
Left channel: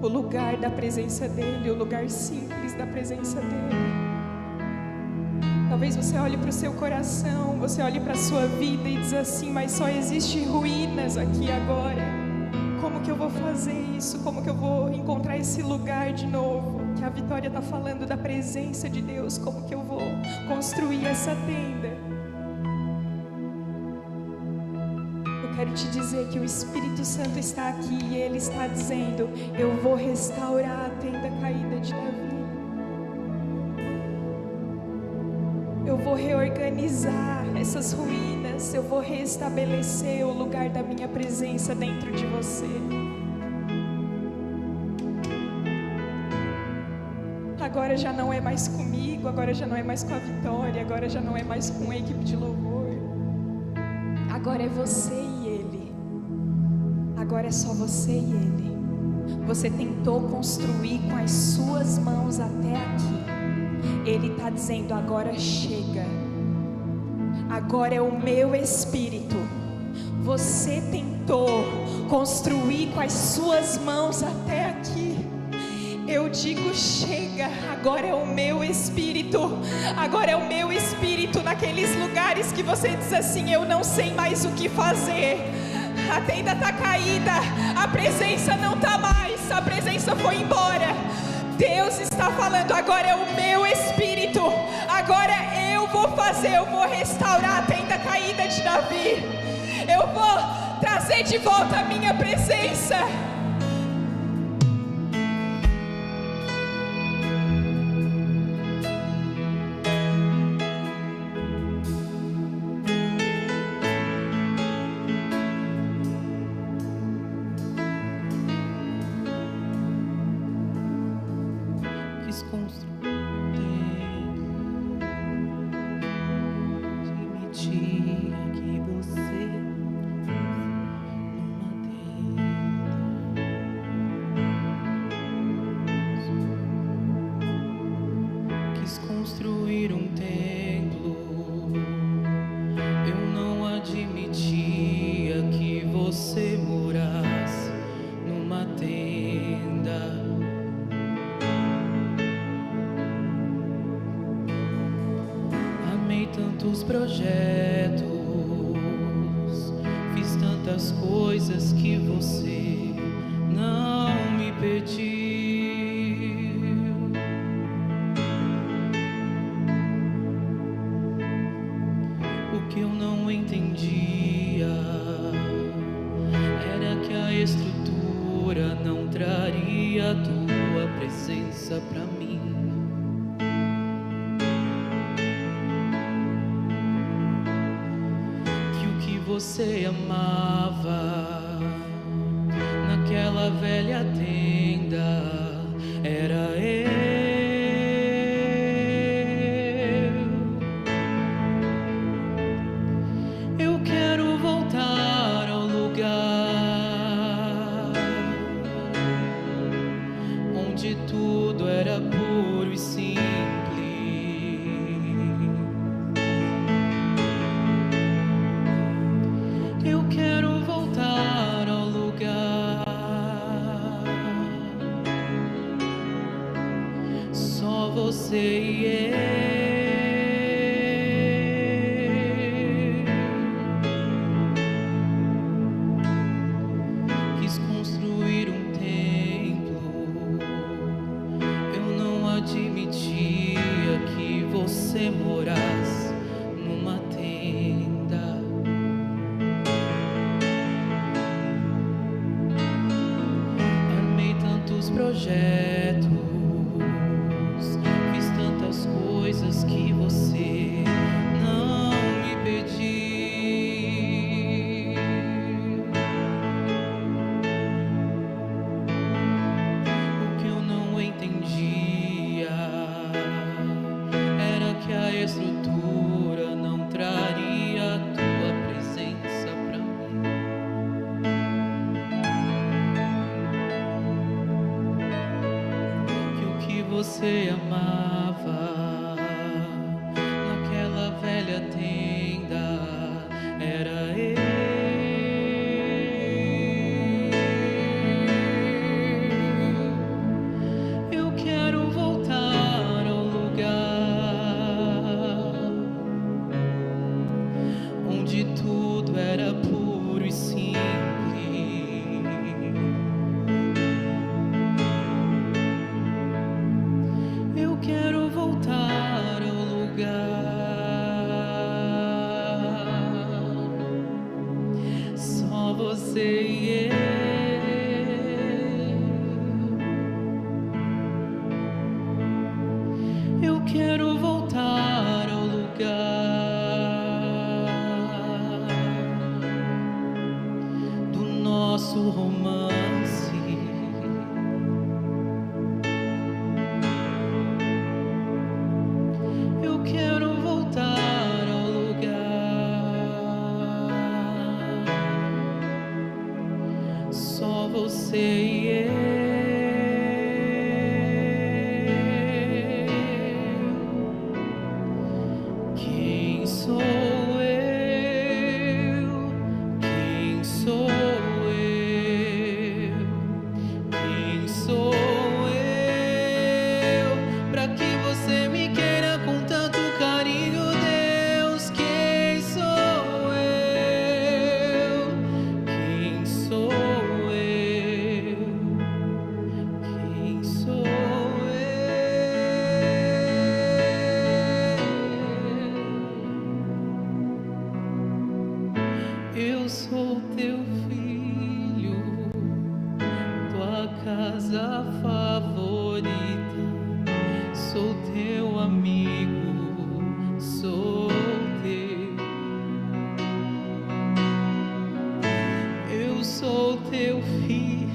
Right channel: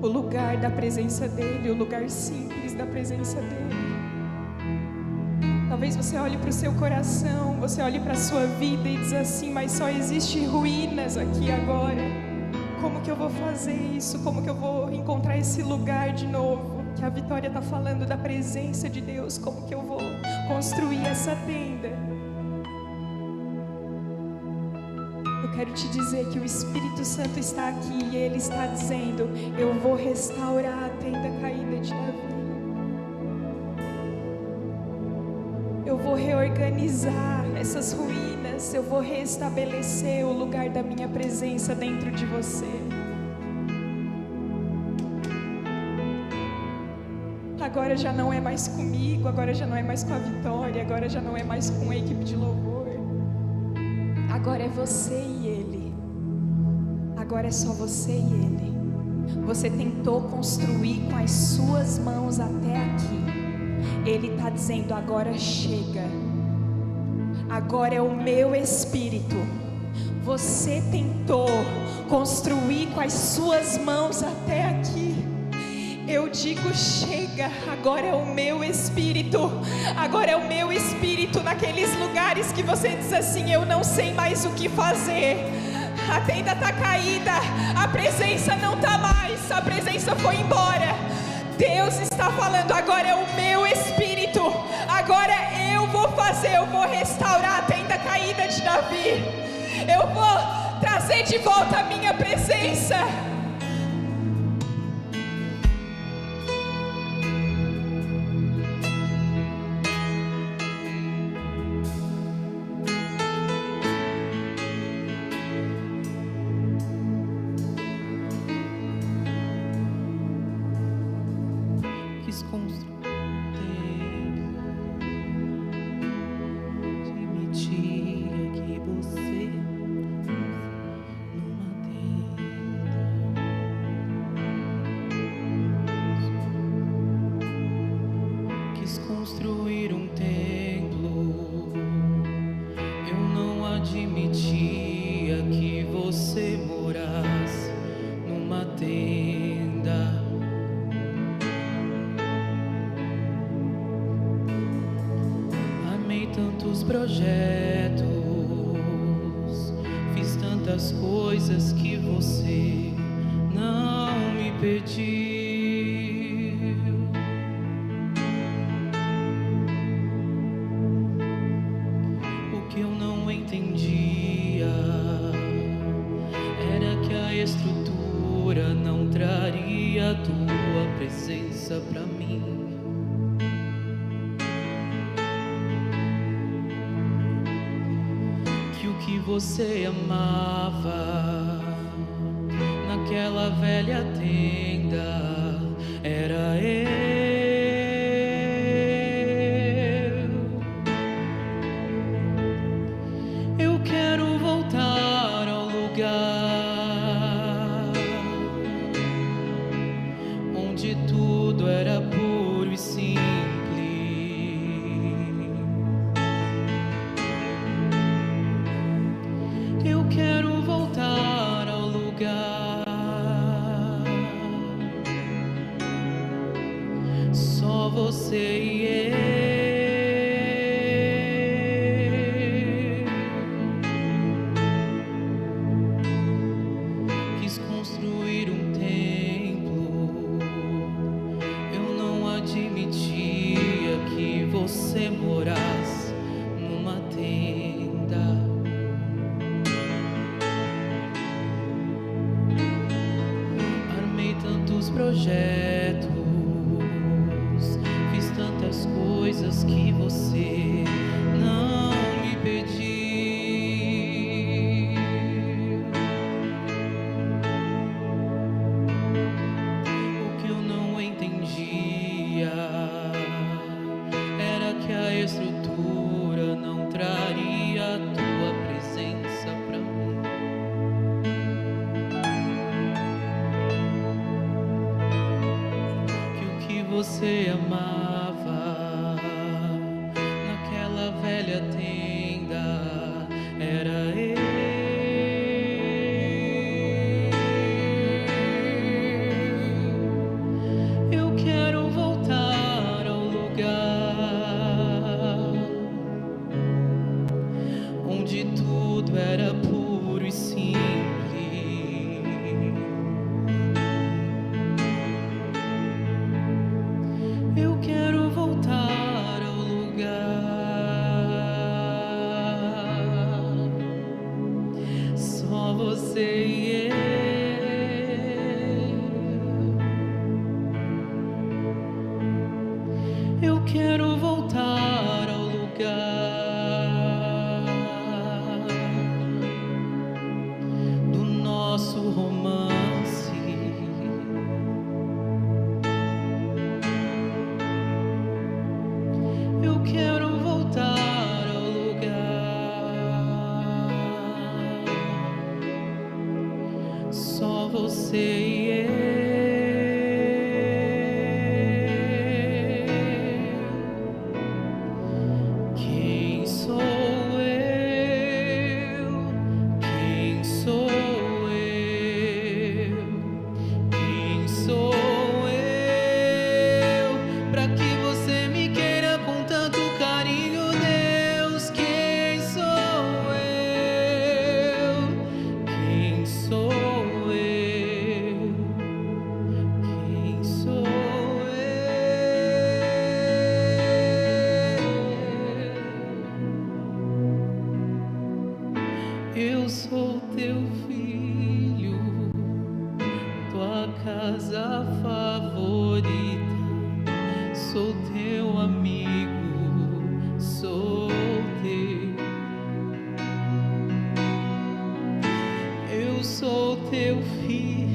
o lugar da presença dele, o lugar simples da presença dele. Talvez você olhe para o seu coração, você olhe para a sua vida e diz assim: mas só existe ruínas aqui agora. Como que eu vou fazer isso? Como que eu vou encontrar esse lugar de novo? Que a Vitória está falando da presença de Deus. Como que eu vou construir essa tenda? Eu quero te dizer que o Espírito Santo está aqui e Ele está dizendo: eu vou restaurar a tenda caída de Davi. Eu vou reorganizar essas ruínas. Eu vou restabelecer o lugar da minha presença dentro de você. Agora já não é mais comigo, agora já não é mais com a Vitória, agora já não é mais com a equipe de louvor. Agora é você e Ele. Agora é só você e Ele. Você tentou construir com as suas mãos até aqui. Ele está dizendo: agora chega. Agora é o meu Espírito. Você tentou construir com as suas mãos até aqui. Eu digo: chega, agora é o meu Espírito. Agora é o meu Espírito naqueles lugares que você diz assim: eu não sei mais o que fazer. A tenda está caída, a presença não está mais, a presença foi embora. Deus está falando: agora é o meu Espírito. Agora eu vou fazer, eu vou restaurar a tenda caída de Davi. Eu vou trazer de volta a minha presença. Quis construir, admitia que você numa tenda admitia que você morasse numa tenda. Amei tantos projetos, fiz tantas coisas que você não me pediu. O que eu não entendia era que a estrutura não traria a tua presença pra mim. Que o que você amava naquela velha tenda era eu. Eu quero voltar ao lugar onde tudo era puro e simples. Eu quero voltar ao lugar só você e eu. Quis construir um templo, eu não admitia que você morasse numa tenda. Armei tantos projetos, fiz tantas coisas que você não me pediu. O que eu não entendia era que a estrutura não traria a tua presença pra mim. Que o que você amava naquela velha tenda era eu. Eu quero voltar ao lugar onde tudo era puro e simples. Eu quero voltar ao lugar só você e eu. Eu quero voltar ao lugar do nosso romance. Eu quero voltar ao lugar só você e eu. Quem sou eu? Quem sou eu? Quem sou eu? Pra que você me queira com tanto carinho, Deus? Quem sou eu? Quem sou eu? Quem sou eu? Eu sou teu filho, tua casa favorita. Sou teu amigo, sou teu. Eu sou teu filho,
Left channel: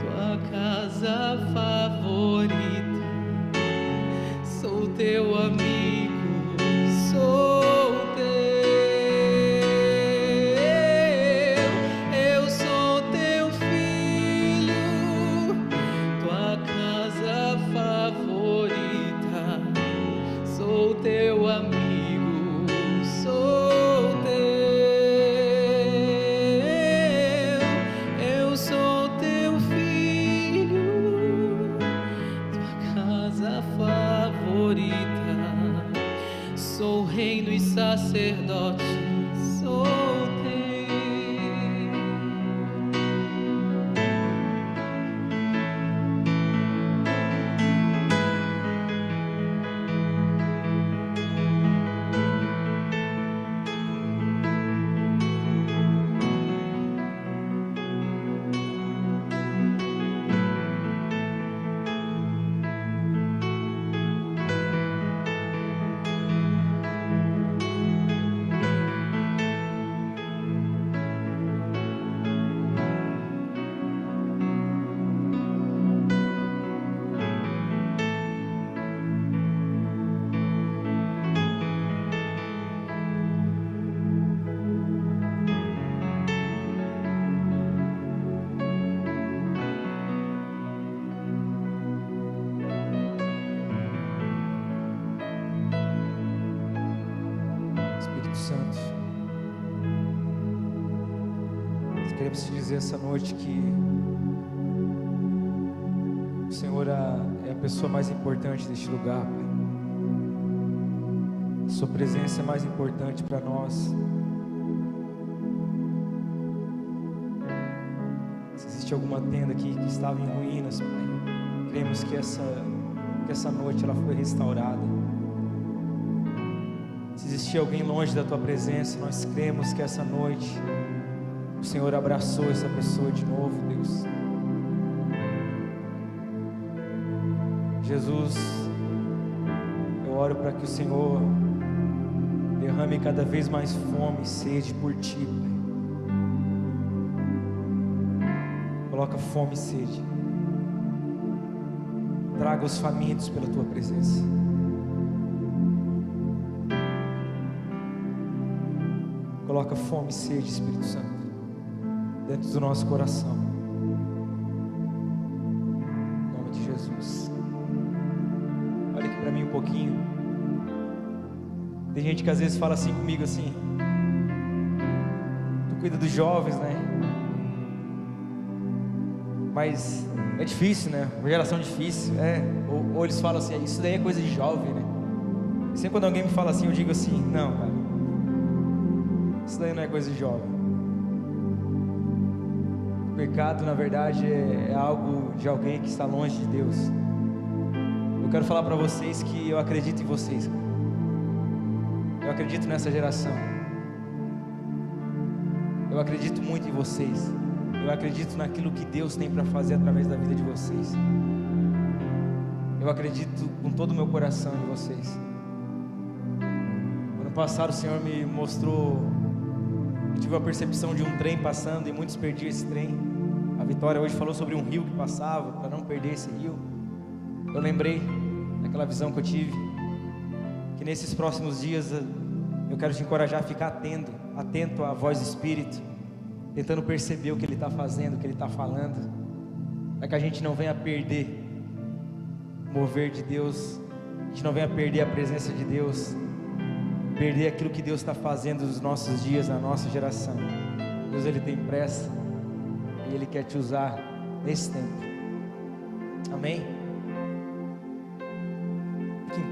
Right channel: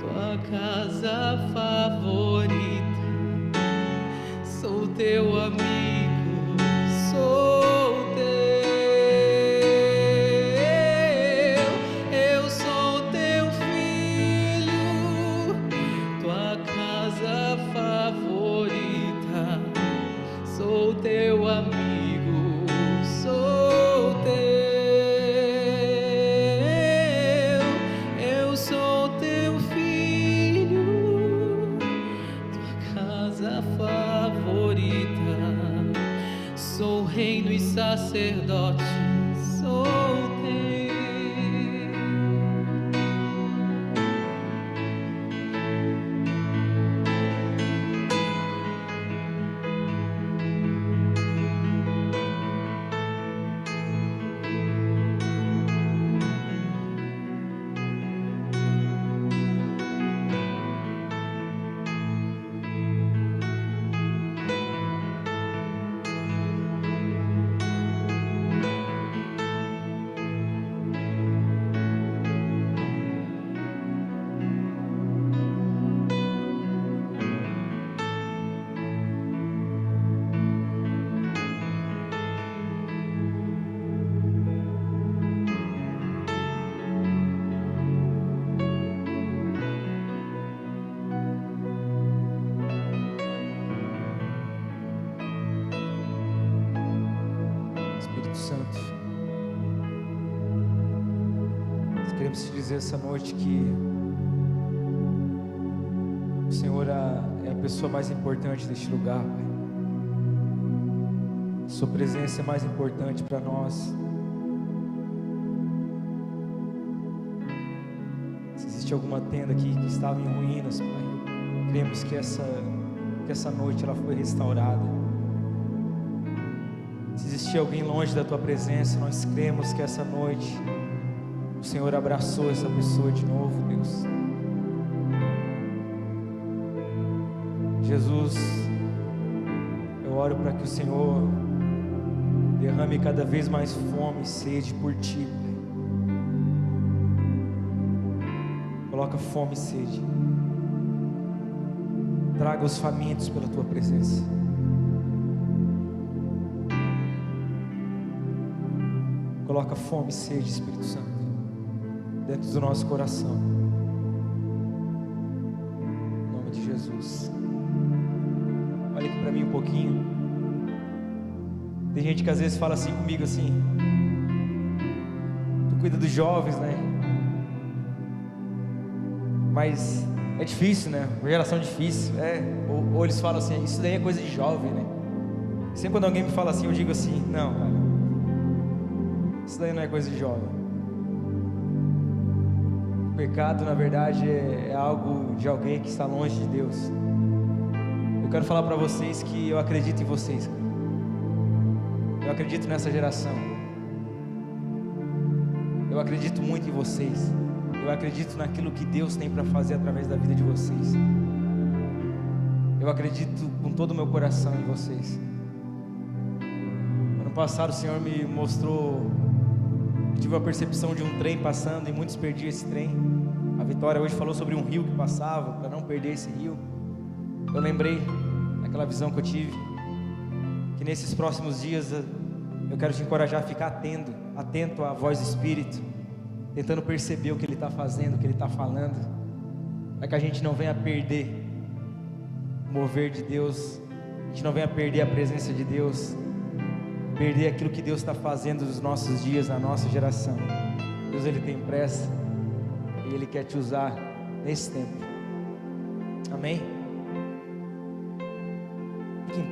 tua casa favorita. Sou teu amigo, sou teu. Eu sou teu filho, tua casa favorita. Sou teu amigo, sou Sou reino e sacerdote, sou teu. Espírito Santo, nós queremos te dizer essa noite que o Senhor é a pessoa mais importante deste lugar, Pai. A sua presença é mais importante para nós. Se existe alguma tenda aqui que estava em ruínas, Pai, cremos que essa noite ela foi restaurada. Se existia alguém longe da Tua presença, nós cremos que essa noite o Senhor abraçou essa pessoa de novo, Deus. Jesus, eu oro para que o Senhor derrame cada vez mais fome e sede por Ti, Pai. Coloca fome e sede. Traga os famintos pela Tua presença. Coloca fome e sede, Espírito Santo, dentro do nosso coração. Em nome de Jesus. Olha aqui para mim um pouquinho. Tem gente que às vezes fala assim comigo assim: tu cuida dos jovens, né? Mas é difícil, né? Uma geração difícil, ou eles falam assim: isso daí é coisa de jovem, né? E sempre quando alguém me fala assim, eu digo assim: não, cara, isso daí não é coisa de jovem. O pecado, na verdade, é algo de alguém que está longe de Deus. Eu quero falar para vocês que eu acredito em vocês, cara. Eu acredito nessa geração. Eu acredito muito em vocês. Eu acredito naquilo que Deus tem para fazer através da vida de vocês. Eu acredito com todo o meu coração em vocês. Ano passado o Senhor me mostrou, eu tive a percepção de um trem passando e muitos perdiam esse trem. A Vitória hoje falou sobre um rio que passava, para não perder esse rio. Eu lembrei daquela visão que eu tive, que nesses próximos dias eu quero te encorajar a ficar atento à voz do Espírito, tentando perceber o que Ele está fazendo, o que Ele está falando, para que a gente não venha perder o mover de Deus, a gente não venha perder a presença de Deus, perder aquilo que Deus está fazendo nos nossos dias, na nossa geração. Deus, Ele tem pressa e Ele quer te usar nesse tempo. Amém?